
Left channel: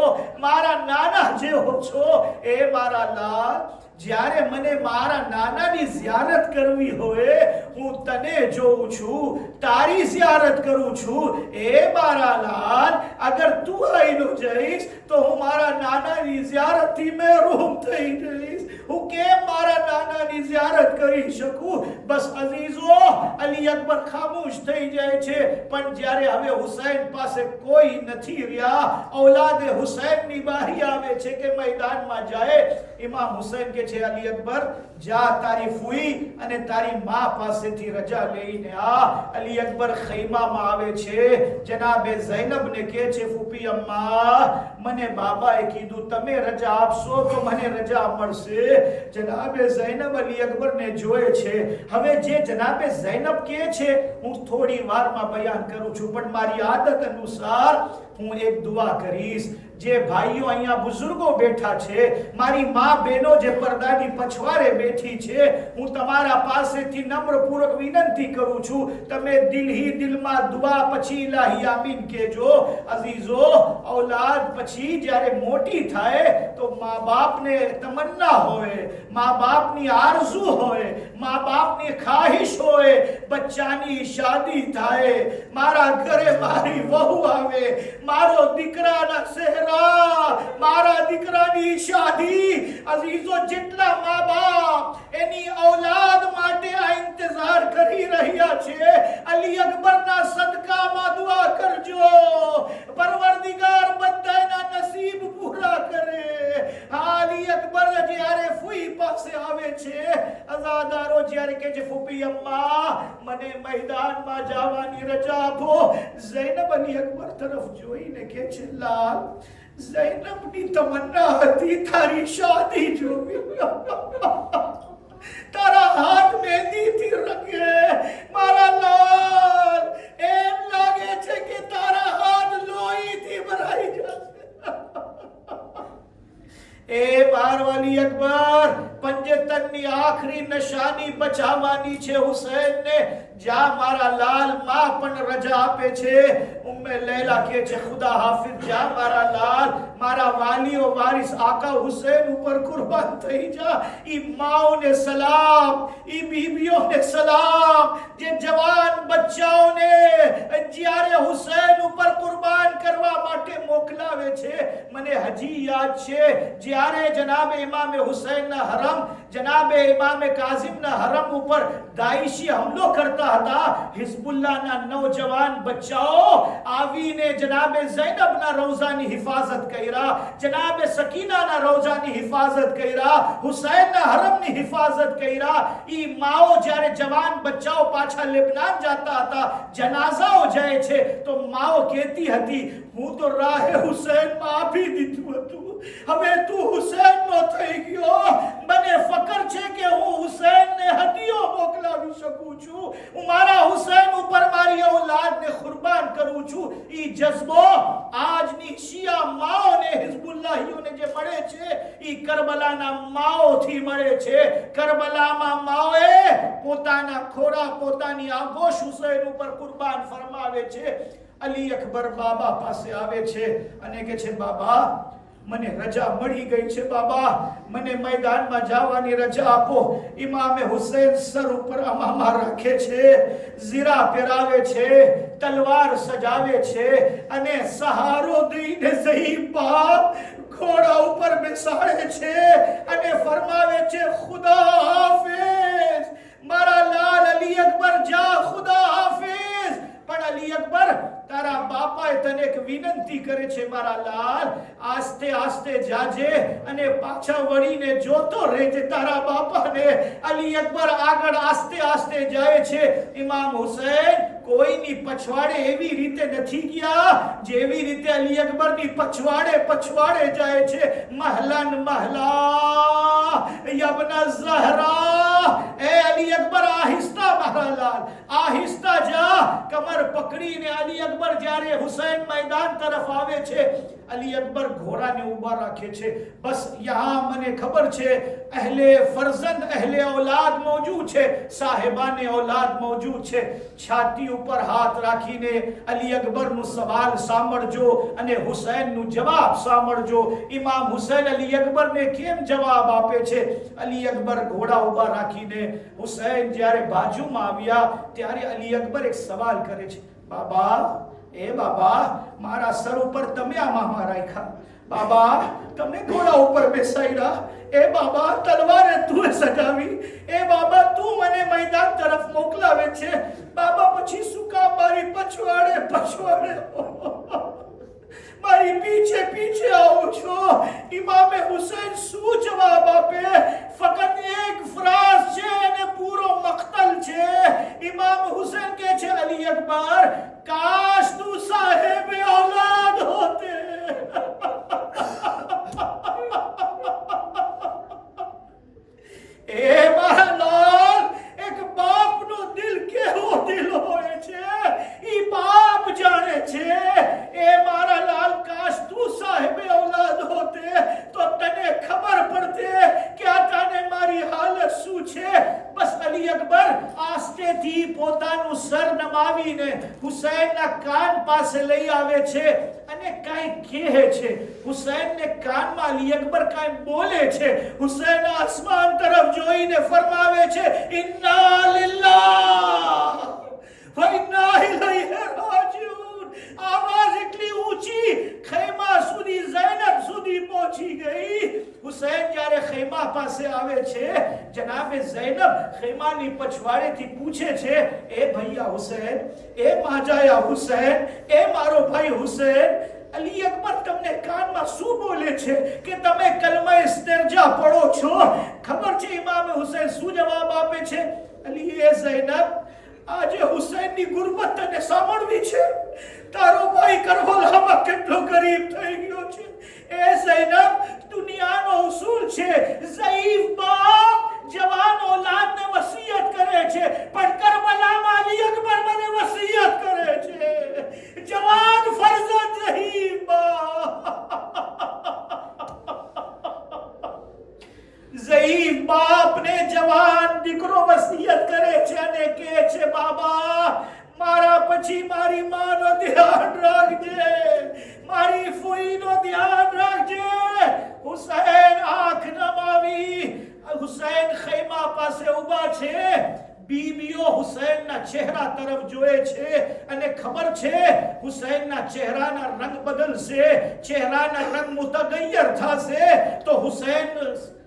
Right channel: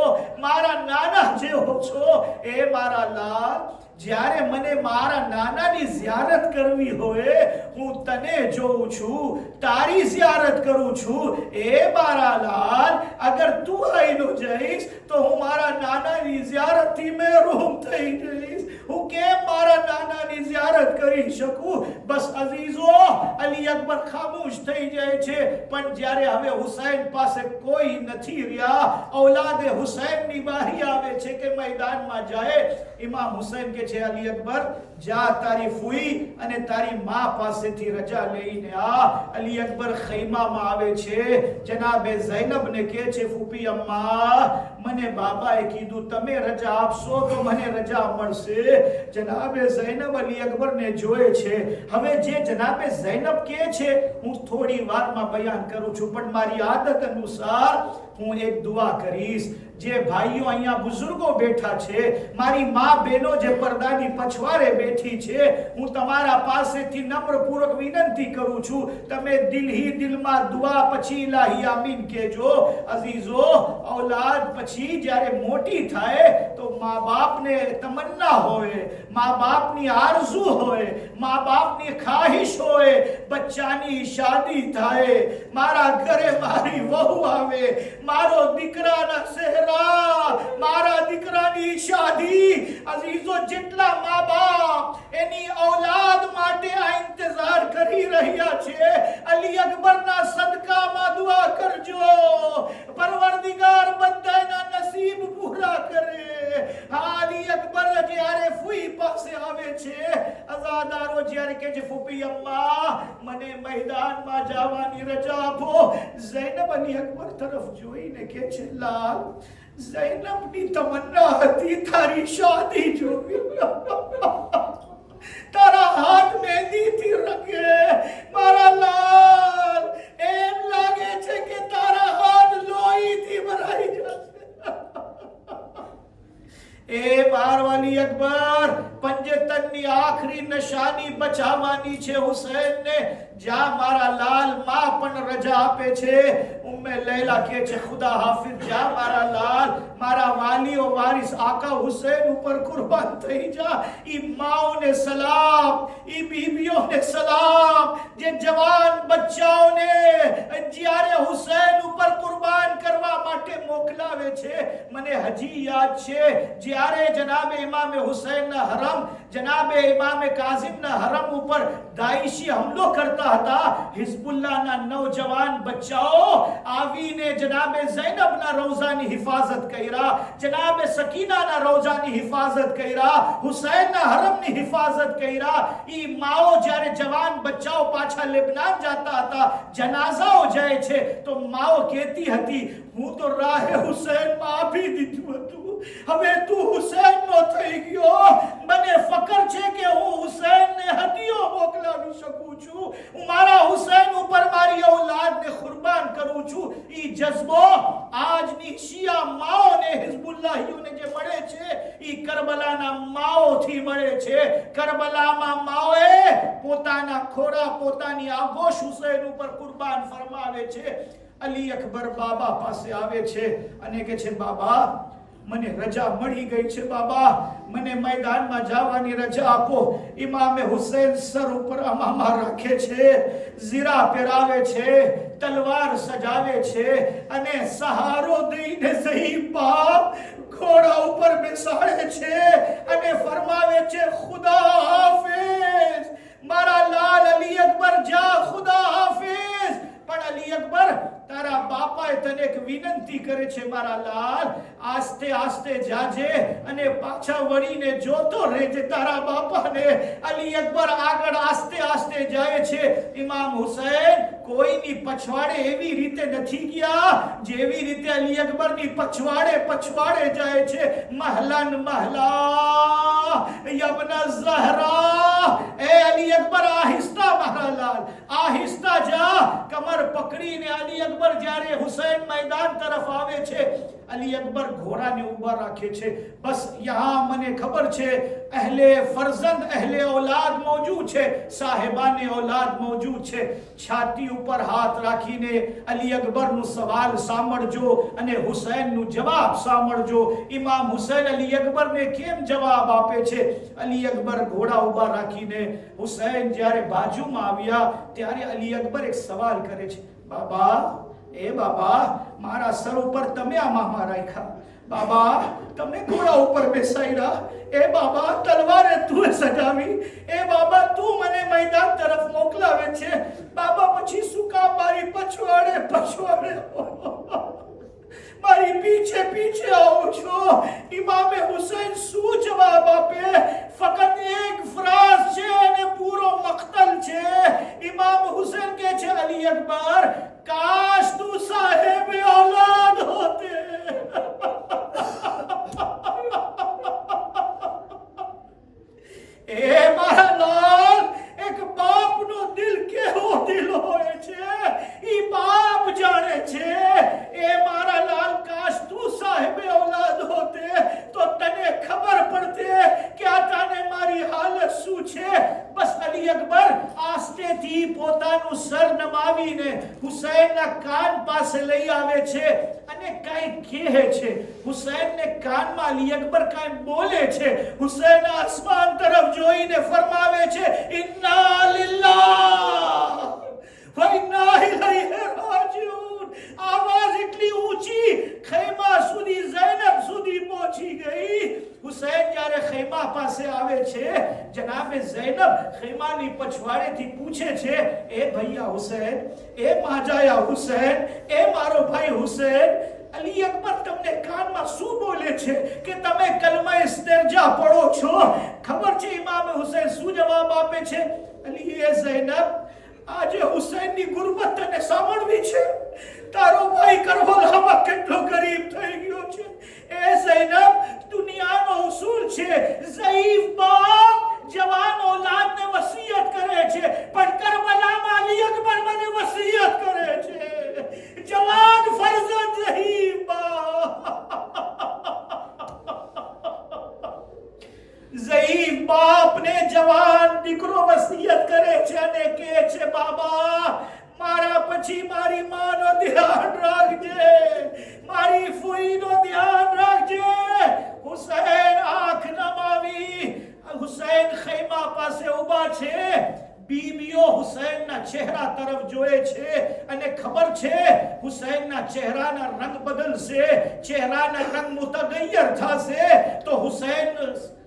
મારા નાના જેવો છો. એ મારા લાલ, જ્યારે મને મારા નાનાની ઝિયારત કરવી હોય, હું તને જોઉં છું, તારી ઝિયારત કરું છું. એ મારા લાલ, અગર તું આઈનો જઈશ તો હું મારા નાનાની ઝિયારતથી મહેરૂમ થઈ જઈશ. હું કેમ મારા નાનાની ઝિયારત કરી શકું? બસ અઝીઝો, અલી અકબર ખામોશ થઈ જાય છે. પણ જ્યારે હવે હુસૈન પાસે કોઈ નથી રહ્યા, ઔલાદે હુસૈનની બારી આવે છે કે મેદાનમાં જાય. ઇમામ હુસૈન કે છે, અલી અકબર, જા તારી ફૂઈ અને તારી માં પાસેથી રજા લઈને આ. અલી અકબર ખૈમામાં આવે છે, જનાબે ઝૈનબને કહે છે, ફૂફી અમ્મા, મને બાબાએ કીધું તમે રજા આપશો તો મને રજા મળશે. જનાબે ઝૈનબ અલી અકબરને જોયે છે. હવે જે જનાબે ઝૈનબ કહે છે હું થોડી વારમાં બયાન કરું છું, પણ મારી આદત અનુસાર હું એક દુઆ કરીશ. જે ભાઈઓ અહીંયા બુઝુર્ગો બેઠા છે, મારી માં બહેનો જે પડદાની પછવાડે બેઠી છે, હું તમારા પાસેથી નમ્રપૂર્વક વિનંતી કરું છું, તમે દિલમાં દુઆ પછી ઇલાહી આમીન કહેજો. અઝીઝો, ઔલાદ પછી જ્યારે મોટી થાય તો મા બાપને તમન્ના હોય, મા બાપની આરઝુ હોય, મા બાપની ખ્વાહિશ હોય, બચ્ચાની શાદી થાય, મારા ઘરે મારી વહુ આવે, મારો દીકરાના સહેરા, મારા દીકરાની શાદી. અઝીઝો, જેટલા મા બાપ એની ઔલાદ માટે આ ઇંતજાર કરી રહ્યા છે, અલી અકબરના સદકામાં દુઆ કરજો, પરવરદિગાર બધાના નસીબ પૂરા કરે. અલી અકબર જ્યારે ફૂઈ પાસે આવે છે, અઝાદારો જ્યારે કે છે, ફૂફી અમ્મા, મને મેદાનમાં જવાની રજા આપો. ઝૈનબ અલી અકબર તરફ જોઈને કે છે, લાલ, ઝૈનબની તમન્ના હતી તારી શાદી જોવી, તારા હાથ મહેંદીથી રંગે. મારા લાલ, એમ લાગે છે કે તારા હાથ લોહીથી ભરાઈ જશે. એ બારવાલી અકબર, પંજતનની આખરી નિશાની બચાવવાની છે હુસૈનને. જા મારા લાલ, માં પણ રજા આપે છે. ઉમ્મે લૈલા કહે છે, ખુદા હાફિઝ, જા મારા લાલ, મારા વાલીઓ વારિસ આકા હુસૈન ઉપર કુરબાન થઈ જા. ઈ માઓને સલામ, ઈ બીબીઓને સલામ, જે જવાન બચ્ચાઓને જ્યારે હુસૈન ઉપર કુરબાન કરવા માટે મોકલાવે છે. મને હજી યાદ છે, જ્યારે જનાબે ઇમામે હુસૈનના હરમ, જનાબે ઇમામે કાઝિમના હરમ ઉપર દાઈશી હમલો કરતા હતા, હિઝબુલ્લાહના નૌજવાન બચ્ચાઓ આવીને જનાબે ઝૈનબના રોઝાની હિફાજત કર્યા, જનાબે સકીનાના રોઝાની હિફાજત કર્યા, હુસૈનના હરમની હિફાજત કર્યા. ઈ માઓ જ્યારે જવાન બચ્ચાઓ પાછા લેબનાન જતા હતા, જનાઝાઓ જાય છે, તો માઓ કહેતી હતી, હું તો રાહે હુસૈનમાં આપી દીધું હતું, હવે તું હુસૈનનો થઈ ગયો. મને ફકર છે કે હું હુસૈનને હદીઓ મોકલાવી શકું છું, હું મારા હુસૈન ઉપર મારી ઔલાદને કુરબાન કરું છું. ઈ જઝ્બો આજની શિયા માઓને, હિઝબુલ્લાહીઓને જે મળે છે, ઈ કરબલાના માઓથી મળે છે. કરબલામાં માઓએ પોતાના ખોરા, પોતાની આગોશ હુસૈન ઉપર કુરબાન ફરમાવે છે. અલી અકબર બાબા પાસે આવે છે અને કહે છે, બાબા, મને રજા મળી ગઈ છે બાબા, મને મેદાનમાં જવાની રજા આપો. ઇમામે હુસૈન સર ઉપર અમામા રાખે છે, ઝીરા પહેરાવે છે, તલવાર સજાવે છે અને સહારો દઈને ઝહીફ બાપ ઘોડા ઉપર બેસાડે છે અને ફરમાવે છે ખુદા હાફિઝ, મારા લાલ અલી અકબર જા, ખુદા હાફિઝ. પણ અલી અકબર, તારા બાપાએ તને એક વિનંતી કરે છે, મારા લાલ આસ્તે આસ્તે જાજે અને પાછા વળીને જોતો રહેજે તારા બાપાને. અલી અકબર આગળ આસ્તે આસ્તે જાય છે. ઇમામ હુસૈન કોઈની પછવાડે એવી રીતે નથી ગયા જેવી રીતે અલી અકબરની પછવાડે જાય છે. મહલન મહલા યબના ઝહરા, એ અલી અકબર આહિસ્તા મારા લાલ, આહિસ્તા જા. કમર પકડીને અલી અકબર જ્યારે હુસૈન મેદાન તરફ આવે છે, અલી અકબર ઘોડાને ઊભા રાખે છે. બસ યહાં મને ખબર છે અહેલે ફરઝંદ અહેલે औलाद मौजूद છે, સાહેબાને औलाद मौजूद છે. છાતી ઉપર હાથ રાખીને અલી અકબરનું સવાલ સાંભળજો અને હુસૈનનું જવાબ સાંભળજો. ઇમામ હુસૈન અલી અકબરને કેમ જવાબ આપે છે? અલી અકબર ઘોડા ઊભા રાખીને હુસૈન જ્યારે બાજુમાં આવ્યા ત્યારે અલી અકબર એક સવાલ કરે છે, બાબા, એ બાબા, મારા સર ઉપર તમે આ મામા રાખ્યા, બાબા તમે ઘોડા ઉપર બેસાડ્યા, એ બાબા તલવારે તું સજાવી, એ બાબા તું મને મેદાન તરફ મોકલાવે છે, બાબા પછી શું કામ મારી પછવાડે મારી પીછે આવો છો? ઇમામે હુસૈન શું જવાબ આપે? ફક્ત એક ફ્રાઝ છે અને પૂરો મક્તલ છે. ઇમામ હુસૈન કહે છે, અલી અકબર, કાશ તું સાહેબ औलाद હોતે. એ મારા લાલ, એક બાપનો દિલ કેવો દિલ હોય છે ઈ બાપ જાણે છે. એ મારા લાલ, કાશ તું સાહેબ औलाद હોતે તો તને ખબર પડતે કે આ તને મારી હાલત શું છે. બસ અલી અકબર આસ્તેથી પોતાનું સર નમાવીને હુસૈનના કાન પાસે લઈ આવે છે અને કાંઈ કહે છે. હુસૈનને કાનમાં અલી અકબર કાંઈ બોલે છે. હુસૈન આસમાન તરફ જોઈને ફરમાવે છે, ઇન્ના લિલ્લાહ વ ઇન્ના ઇલૈહિ રાજીઉન. આવાજ એટલી ઊંચી ખૈમા સુધી, ઝૈનબ સુધી પહોંચી ગઈ. હુસૈન જ્યારે ખૈમા પાસે આવે છે, જનાબે ઝૈનબ ખૈમાની પછવાડેથી પૂછે છે, એ ભૈયા હુસૈન, એ માજાયા હુસૈન, એ મારો ભાઈ હુસૈન, અલી અકબર તમને કાનમાં શું બોલે છે કે તમે કલમા ઇસ્તિરજા પઢો છો? ખબર છે ઇમામ હુસૈન શું જવાબ આપે છે? અલી, એ ઝૈનબ, આજે હુસૈનની ગુરબત તને સાંભળવી છે? તારો ભાઈ કરબલામાં કેટલો ગરીબ થઈ ગયો છે. એ ઝૈનબ, દુનિયાનો ઉસૂલ છે, ઝઈફ બાપ જવાન औलादને વસિયત કરે છે, પણ કરબલામાં અલી અકબર મને વસિયત કરે છે. જવાન ફરઝંદ ઝઈફ બાપ, ઝઈફ બાપને જવાન દીકરો વસિયત કરે છે અને કહે છે, બાબા, મારા પછી મારી માનો ધ્યાન રાખજે, મારી ફૂઈનો ધ્યાન રાખજે. હુસૈન આંખ નમાવી, હુસૈન ખૈમા પાસે ઊભા છે. બીબીઓ હુસૈનના ચહેરા તરફ જોએ છે અને ખબર છે હુસૈનના ચહેરાના રંગ બદલશે, ચહેરાના રંગ મુતગય્યર થશે. તો હુસૈન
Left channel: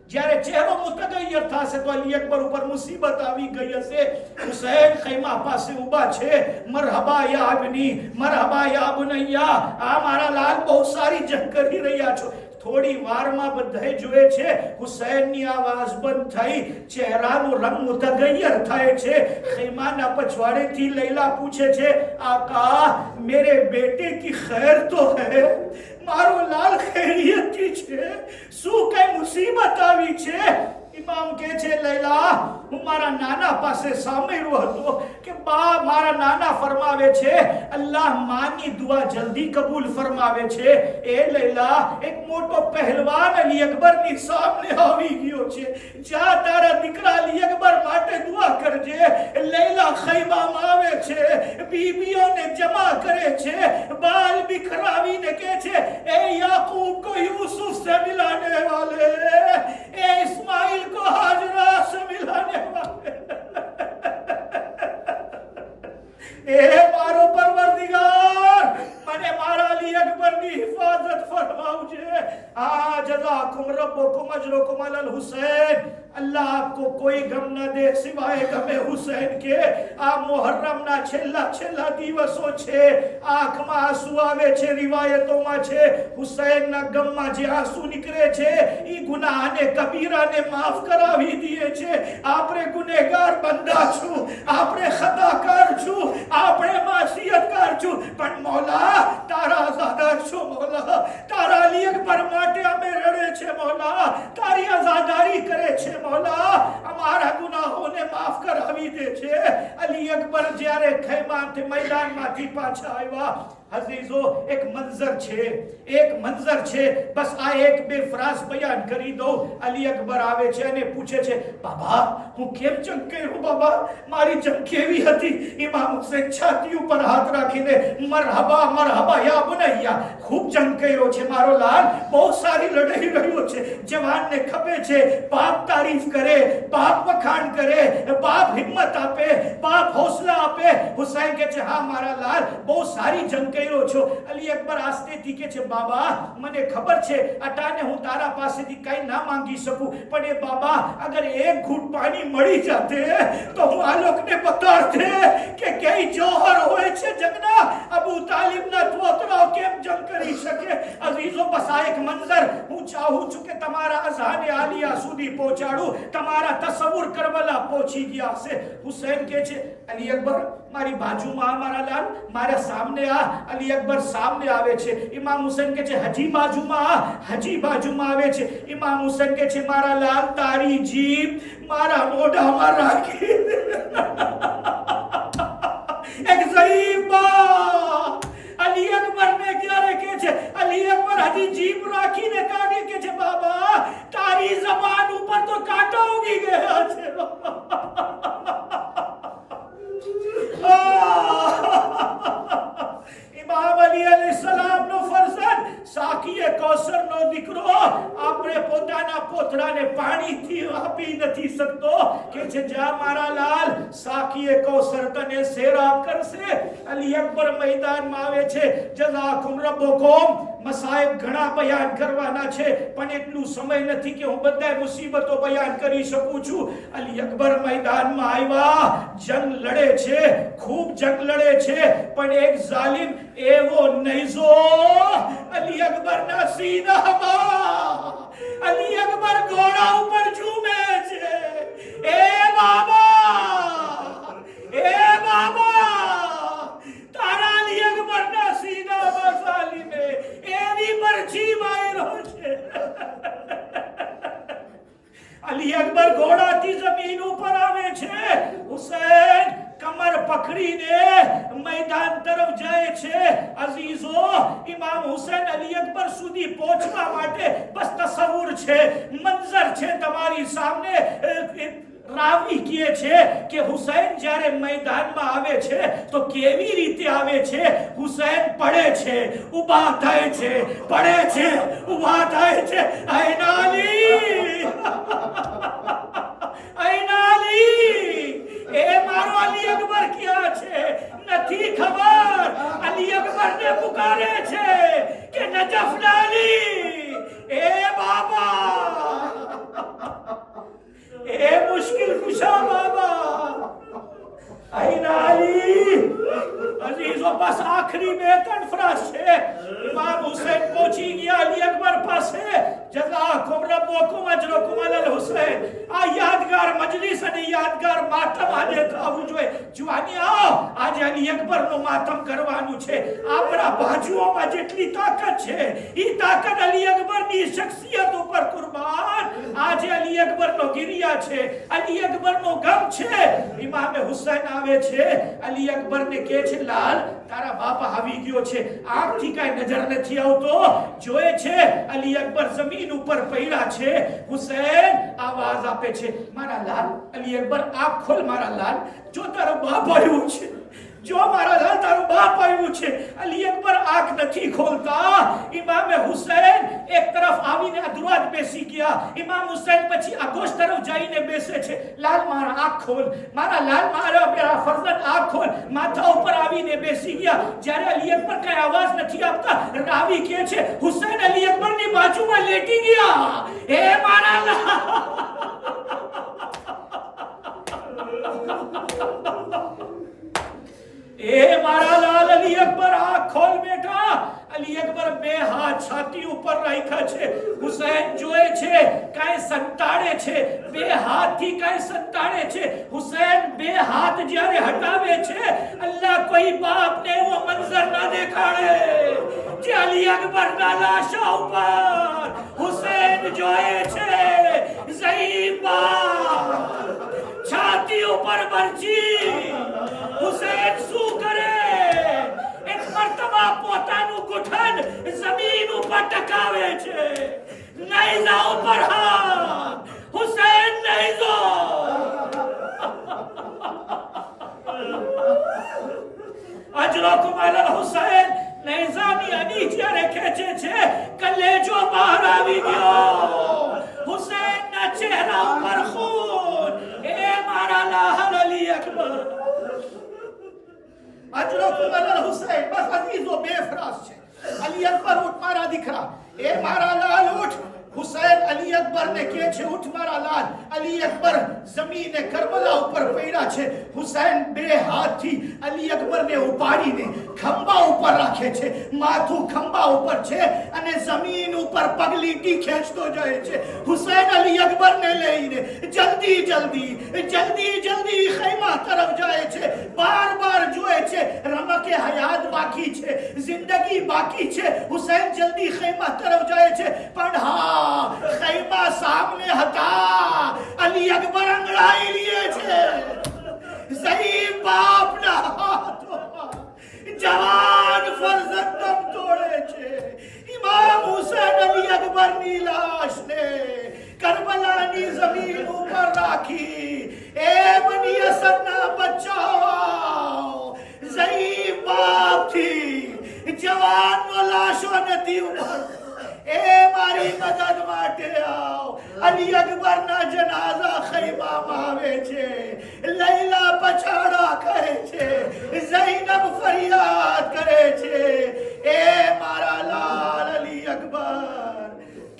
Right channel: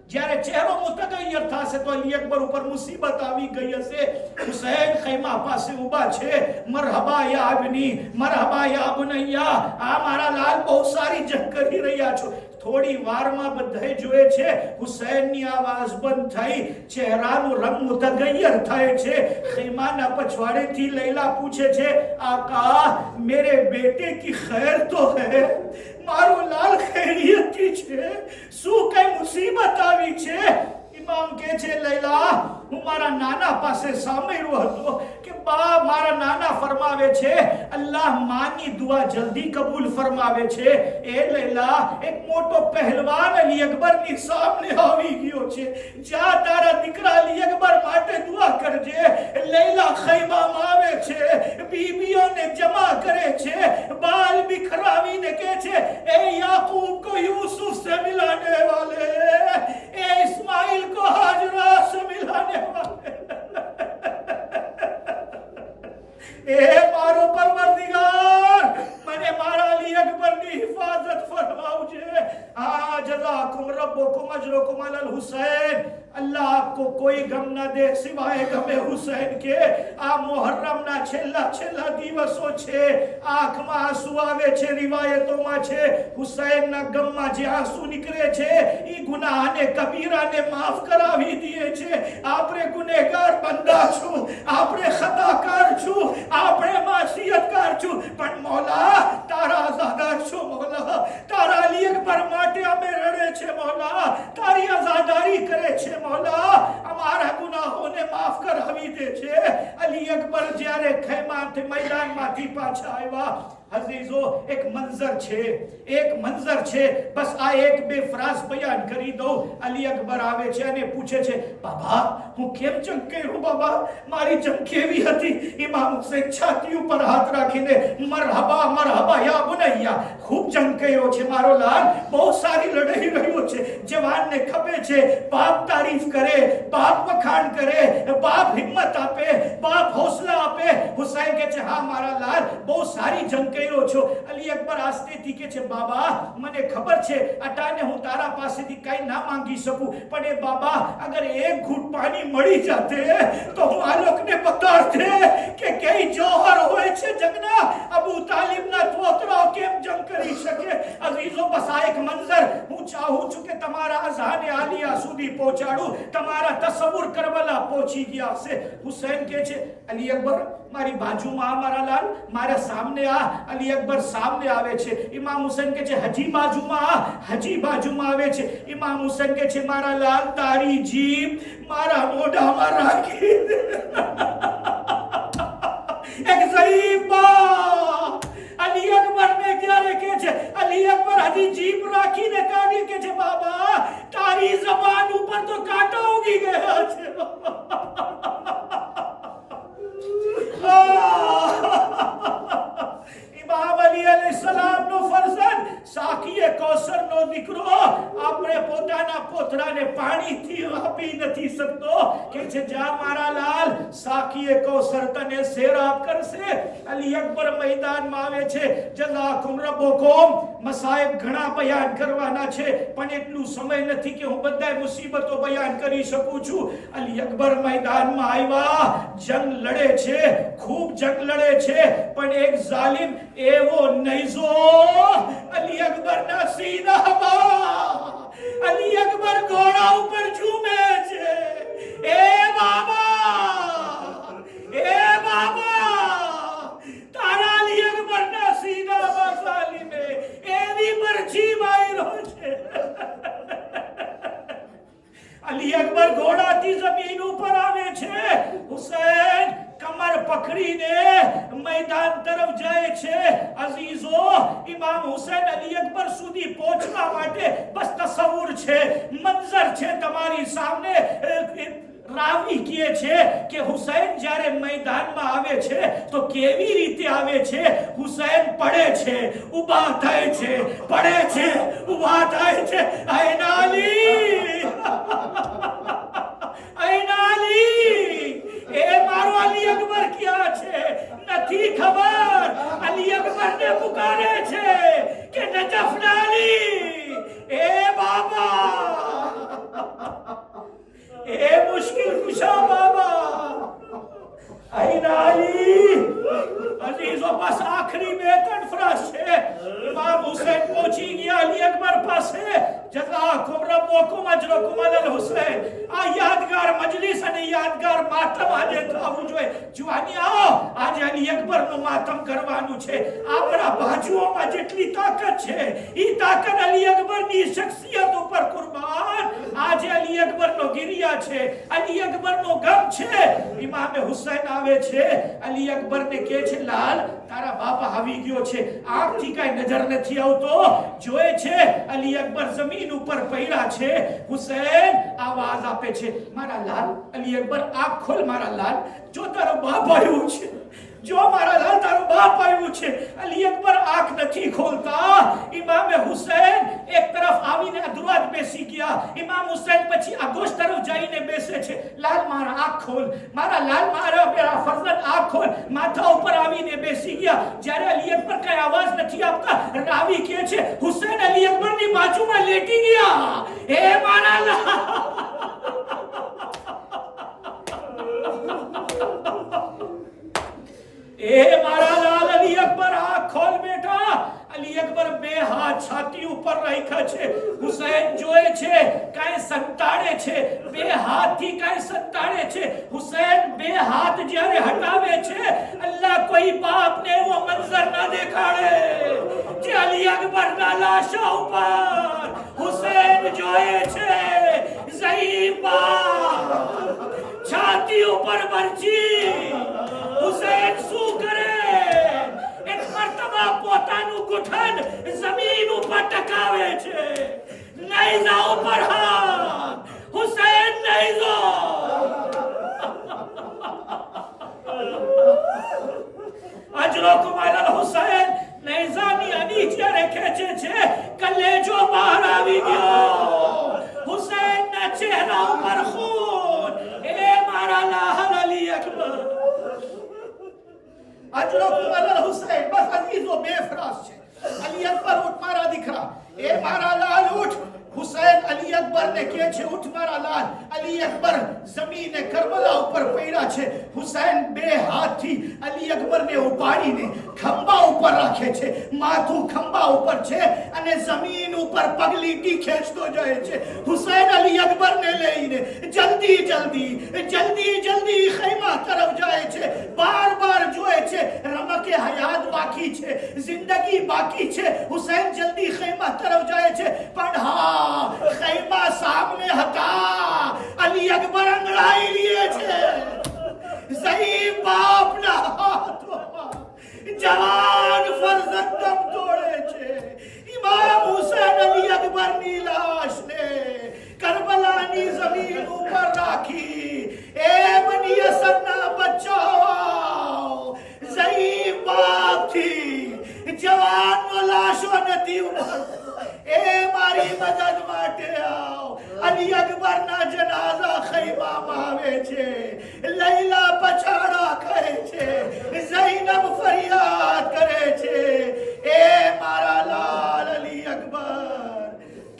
જ્યારે ચહેરો મુતગય્યર થશે તો અલી અકબર ઉપર મુસીબત આવી ગઈ હશે. હુસૈન ખૈમા પાસે ઊભા છે. મરહબા યા અબની, મરહબા યા બુનૈયા, આ મારા લાલ બહુ સારી જંગ કરી રહ્યા છો. થોડી વારમાં બધાએ જોયે છે હુસૈનની આવાજ બંધ થઈ, ચહેરાનો રંગ મુતગય્યર થાય છે. ખૈમાના પછવાડેથી લૈલા પૂછે છે, આકા, મેરે બેटे की खैर तो है? મારો લાલ ખૈરિયત છે? શું કઈ મુસીબત આવી છે? ઇમામ કહે છે, લૈલા, હું મારા નાના પાસે સાંભળ્યું હતું કે બા મારા નાના ફરમાવે છે અલ્લાહ માની દુઆ જલ્દી કબૂલ ફરમાવે છે. એ લૈલા એક મોટો પહેલવાન અલી અકબરની સામે આવી ગયો છે. જા તારા દીકરા અલી અકબર માટે દુઆ કરજે. લૈલા ખૈમામાં આવે છે, બીબીઓને જમા કરે છે, બાલ बिखरावीने के छे ए याकूब को यूसुफ से मिलाने वाले, ए इस्माइल को हाजरा से मिलाने वाले. ए मारो परवरदिगार મને મારા અલી અકબરની હિફાજત ફરમાવજે. આ જઝાકુમ રબ્બુકુમ અજરુકુમ અલલ હુસૈન. અલ્લાહ આપકો કોઈ ગમ ન દે સિવાય ગમે હુસૈન કે. આ મુહર્રમના છેલ્લા દિવસો છે. આંખમાં આંસુ આવે છે, રિવાયતોમાં છે હુસૈનના ગમમાં જે આંસુ નીકળે છે એ ગુનાહને કબીરાને માફ કરાવી દે છે. આપણે ગુનેગાર બંદા છું, આપણે ખતાકાર છું, આપણે માસિયતકાર છું, પણ મૌલા તારા આઝાદાર છો. મૌલા તારા અલી અકબર માટે અમે રડે છે. મૌલા તારી આઝાદારી કરે છે. મૌલા અમારા ગુનાહોને માફ કરાવી દે છે. અલી અકબર જ્યારે ખૈમાથી મેદાનમાંથી પાછા આવ્યા, અઝીઝો એક મંઝર છે. બસ આ એક બે ફ્રાઝ બયાન કરી દઉં. અલી અકબર આવે છે અને પૂછે છે, બાબા હું કેમ ચમકેલું? બાબા મારી ચમક કેવી હતી? ઇમામ હુસૈન છાતી ઉપર હાથ રાખીને મરહબા મરહબા યા બુનૈયા, ખૂબ ચમકેલો છે મારો લાલ, બહુ સારી લડાઈ રહ્યો છે. જવાનને ખપે છે બાપ તારીફ કરે, બાપ વખાણ કરે, બાપ હિંમત આપે, બાપ હોસલા આપે. હુસૈન કહે છે હા મારા લાલ બહુ સારી જંગ કર્યો છો. અલી અકબર આસ્તેથી કહે છે બાબા મને ખબર છે અટાને હું તારા પાસેથી કઈ ના માંગી શકું, પણ એ બાબા અગર એક ઘૂંટ પાણી મળી જાતે તો હું આ લોકોને બતાડતે કે કઈ જોહર હોય છે જંગના. અબુ તાલિબના તોતરાઓ કેમ જંગ કરી શકે. અઝીઝો બસ આ એક મંઝર હું ચાહું છું કે તમારા અઝહાને આલિયા સુધી પહોંચાડું. તમારા તસવ્વુર કરબલા પહોંચી ગયા હશે. હુસૈન કહે છે અલી અકબર મારી બાજુમાં મારા લાલ, મારા સામને આ. અલી અકબર સામને આવે છે. ઇમામ હુસૈન કહે છે હજી બાજુમાં આવે છે. ઇમામ હુસૈન કહે છે મારા લાલ તારી જીભ મારા મોઢામાં રાખી દે. એક ઝઈફ બાપ અલી અકબર ને ક્યારે કહે છે, અલી અકબર હજી જીભ રાખીને કાઢી કે છે બાબા તારી જબાન ઉપર તો કાંટા ઉગી ગયા છે. ઇમામ અલી અલૈહિસ્સલામ નો ફરઝંદ સાકીએ કૌસર નો દીકરો આપણે પોતાના પોતરાને પાણીથી આપી નથી શકતો. કે છે જા મારા લાલ સાકીએ કૌસર તને સેરાબ કરશે. અલી અકબર મેદાનમાં આવે છે. જઝાકુમ રબ્બુકુમ. મસાઈબ ઘણા બયાન કરવાના છે પણ એટલું સમય નથી કે હું બધાય મુસીબતો બયાન કરી શકું છું. અલી અકબર મેદાનમાં આવ્યા, જંગ લડે છે, ખૂબ જંગ લડે છે, પણ એક જાલિમ એવો નૈઝો અલી અકબરના સીનામાં. અલી અકબર ઘોડા ઉપર ઝૂમે છે. એ બાબા તારા અલી અકબરના સીનામાં જાલિમે એવી મરજી માર્યો છે. અલી અકબર ઘોડાથી જમીન ઉપર આવે છે. હુસૈન કમર પકડીને મેદાન તરફ જાય છે. અઝીઝો ઇમામ હુસૈન અલી અકબર સુધી પહોંચવા માટે બસ તસવ્વુર છે, મંઝર છે તમારી સામે. રાવી કહે છે કે હુસૈન જ્યારે મેદાનમાં આવે છે તો કેવી રીતે આવે છે. હુસૈન પડે છે, ઊભા થાય છે, પડે છે, ઊભા થાય છે. આયના અલી એ મારો અલી અકબર ક્યાં છે નથી ખબર. અલી અકબર ને પુકારે છે કે નજફ ડાલી એ બાબા, એ મુશ્किल कुशा बाबा. आईना अली अजीज જો બસ આખરી બે ત્રણ ફ્રાસ છે. ઇમામ હુસૈન પહોંચી ગયા અલી અકબર પાસે. જઝાકુમ રબ્બુકુમ અજરકુમ અલલ હુસૈન. આ યાદગાર મજલિસ અને યાદગાર માતમ આજે થવું જોઈએ. જુવાની આવો, આજે અલી અકબરનું માતમ કરવાનું છે. આપણા બાજુઓમાં જેટલી તાકાત છે એ તાકાત અલી અકબરની શખ્સિયત ઉપર કુરબાન. આજે અલી અકબરનો ગિરિયા છે, અલી અકબરનો ગમ છે. ઇમામ હુસૈન આવે છે, અલી અકબરને કહે છે, લાલ તારા બાપા આવી ગયો છે. આંખથી કાંઈ નજર નથી આવતો. જોયે છે અલી અકબર જમીન ઉપર પડ્યા છે. હુસૈન આવાજ આપે છે, મારા લાલ. અલી અકબર આંખ ખોલ મારા લાલ. જો તારો બાપ આવ્યું છે, જો મારા લાલ તારો બાપ આવ્યું છે. અલી અકબર આંખ નથી ખોલતા. ઇમામ હુસૈન એક તરફ આવીને અધુરાત બેસી ગયા. ઇમામ હુસૈન પછી આગોશ તરફ જઈને બેસે છે. લાલ મારા આંખ ખોલ, મારા લાલ, મારા મેરા ફરજન આંખ ખોલ. માથા ઉપર આવીને બેસી ગયા. જ્યારે અલી અકબર કઈ અવાજ નથી આપતા, રાવી કહે છે હુસૈન અલી અકબરની બાજુમાં લેટી ગયા. હે મારા લાલ, ए मारा लाल. अली अकबर आंख खोल बेटा. अली अकबर બે હાથ છાતી ઉપર રાખ્યા છે. હુસૈન જોયે છે કાંઈ સંતાડે છે, બે હાથથી કાંઈ સંતાડે છે. હુસૈન બે હાથ જ્યારે હટાવે છે, અલ્લાહ કોઈ બાપને એવો મંઝર ના દેખાડે જે અલી અકબરના લાશા ઉપર હુસૈન જોયે છે. ઝઈફ બાપ છાતી ઉપર મરચી. હુસૈન શું કરે? એક મર્તબા પોતાનું ગુઠણ જમીન ઉપર ટકાવે છે. નૈઝા ઉપર હાથ. હુસૈન નૈઝો. અજરકુમ અલલ હુસૈન. નૈઝાની અડી જ્યારે ખેંચે છે, કલેજો બહાર આવી ગયો. હુસૈનના ચહેરા ઉપર ખૂન. એ મારા લાલ અલી અકબર. અજરકુમ અલલ હુસૈન. બસ અજીઝો બેફરાસ છે. અલી અકબર ઉઠ મારા દીકરા. એ મારા લાલ ઉઠ. હુસૈન અલી અકબરને કહે છે ઉઠ મારા લાલ. અલી અકબર જમીને કરબલા ઉપર પડ્યા છે. હુસૈન બે હાથથી અલી અકબરને ઉપાડીને ખંભા ઉપર રાખે છે. માથું ખંભા ઉપર છે અને જમીન ઉપર પગલીટી ખેંચતો જાય છે. હુસૈન અલી અકબરને લઈને જલ્દી જલ્દી જલ્દી જલ્દી ખૈમા તરફ જાય છે. બાર બાર જોએ છે રમકે હયાત બાકી છે, જિંદગી બાકી છે. હુસૈન જલ્દી ખૈમા તરફ જાય છે, પણ હા ખૈમા સામને હતા. અલી અકબર અંગડાઈ લીએ છે. ઝઈફ બાપના હાથોમાં જવાન ફરજંદ દમ તોડે છે. ઇમામ હુસૈન અલી અકબરની લાશને કરબલાની જમીન ઉપર રાખી. એ બની અસદના બચ્ચાઓ, ઝઈફ બાપથી જવાનનો લાશો નથી ઉભરતો. એ મારી મદદ માટે આવ. અલી અકબરના જનાઝા ખૈમામાં આવે છે. લૈલા પછાડા કરે છે, ઝૈનબ ફરિયાદ કરે છે. એ મારા લાલ અલી અકબર,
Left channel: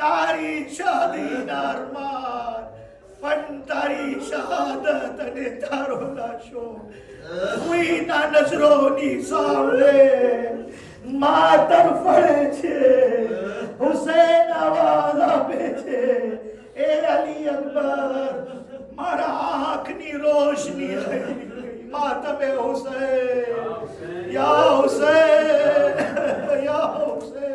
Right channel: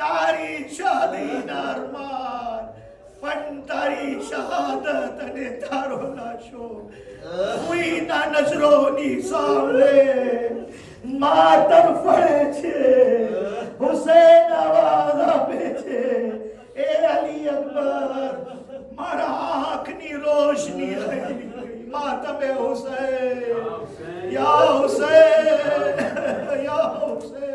તારી શાદીના અરમાન, પણ તારી શહાદત અને તારો લાશો કોઈના નજરોની સામે માતર ફળે છે. હુસૈન આવાજ આપે છે, એ અલી અકબર, મારા આંખની રોશની આવી ગઈ. માતમે હુસૈન, યા હુસૈન, યા હુસૈન.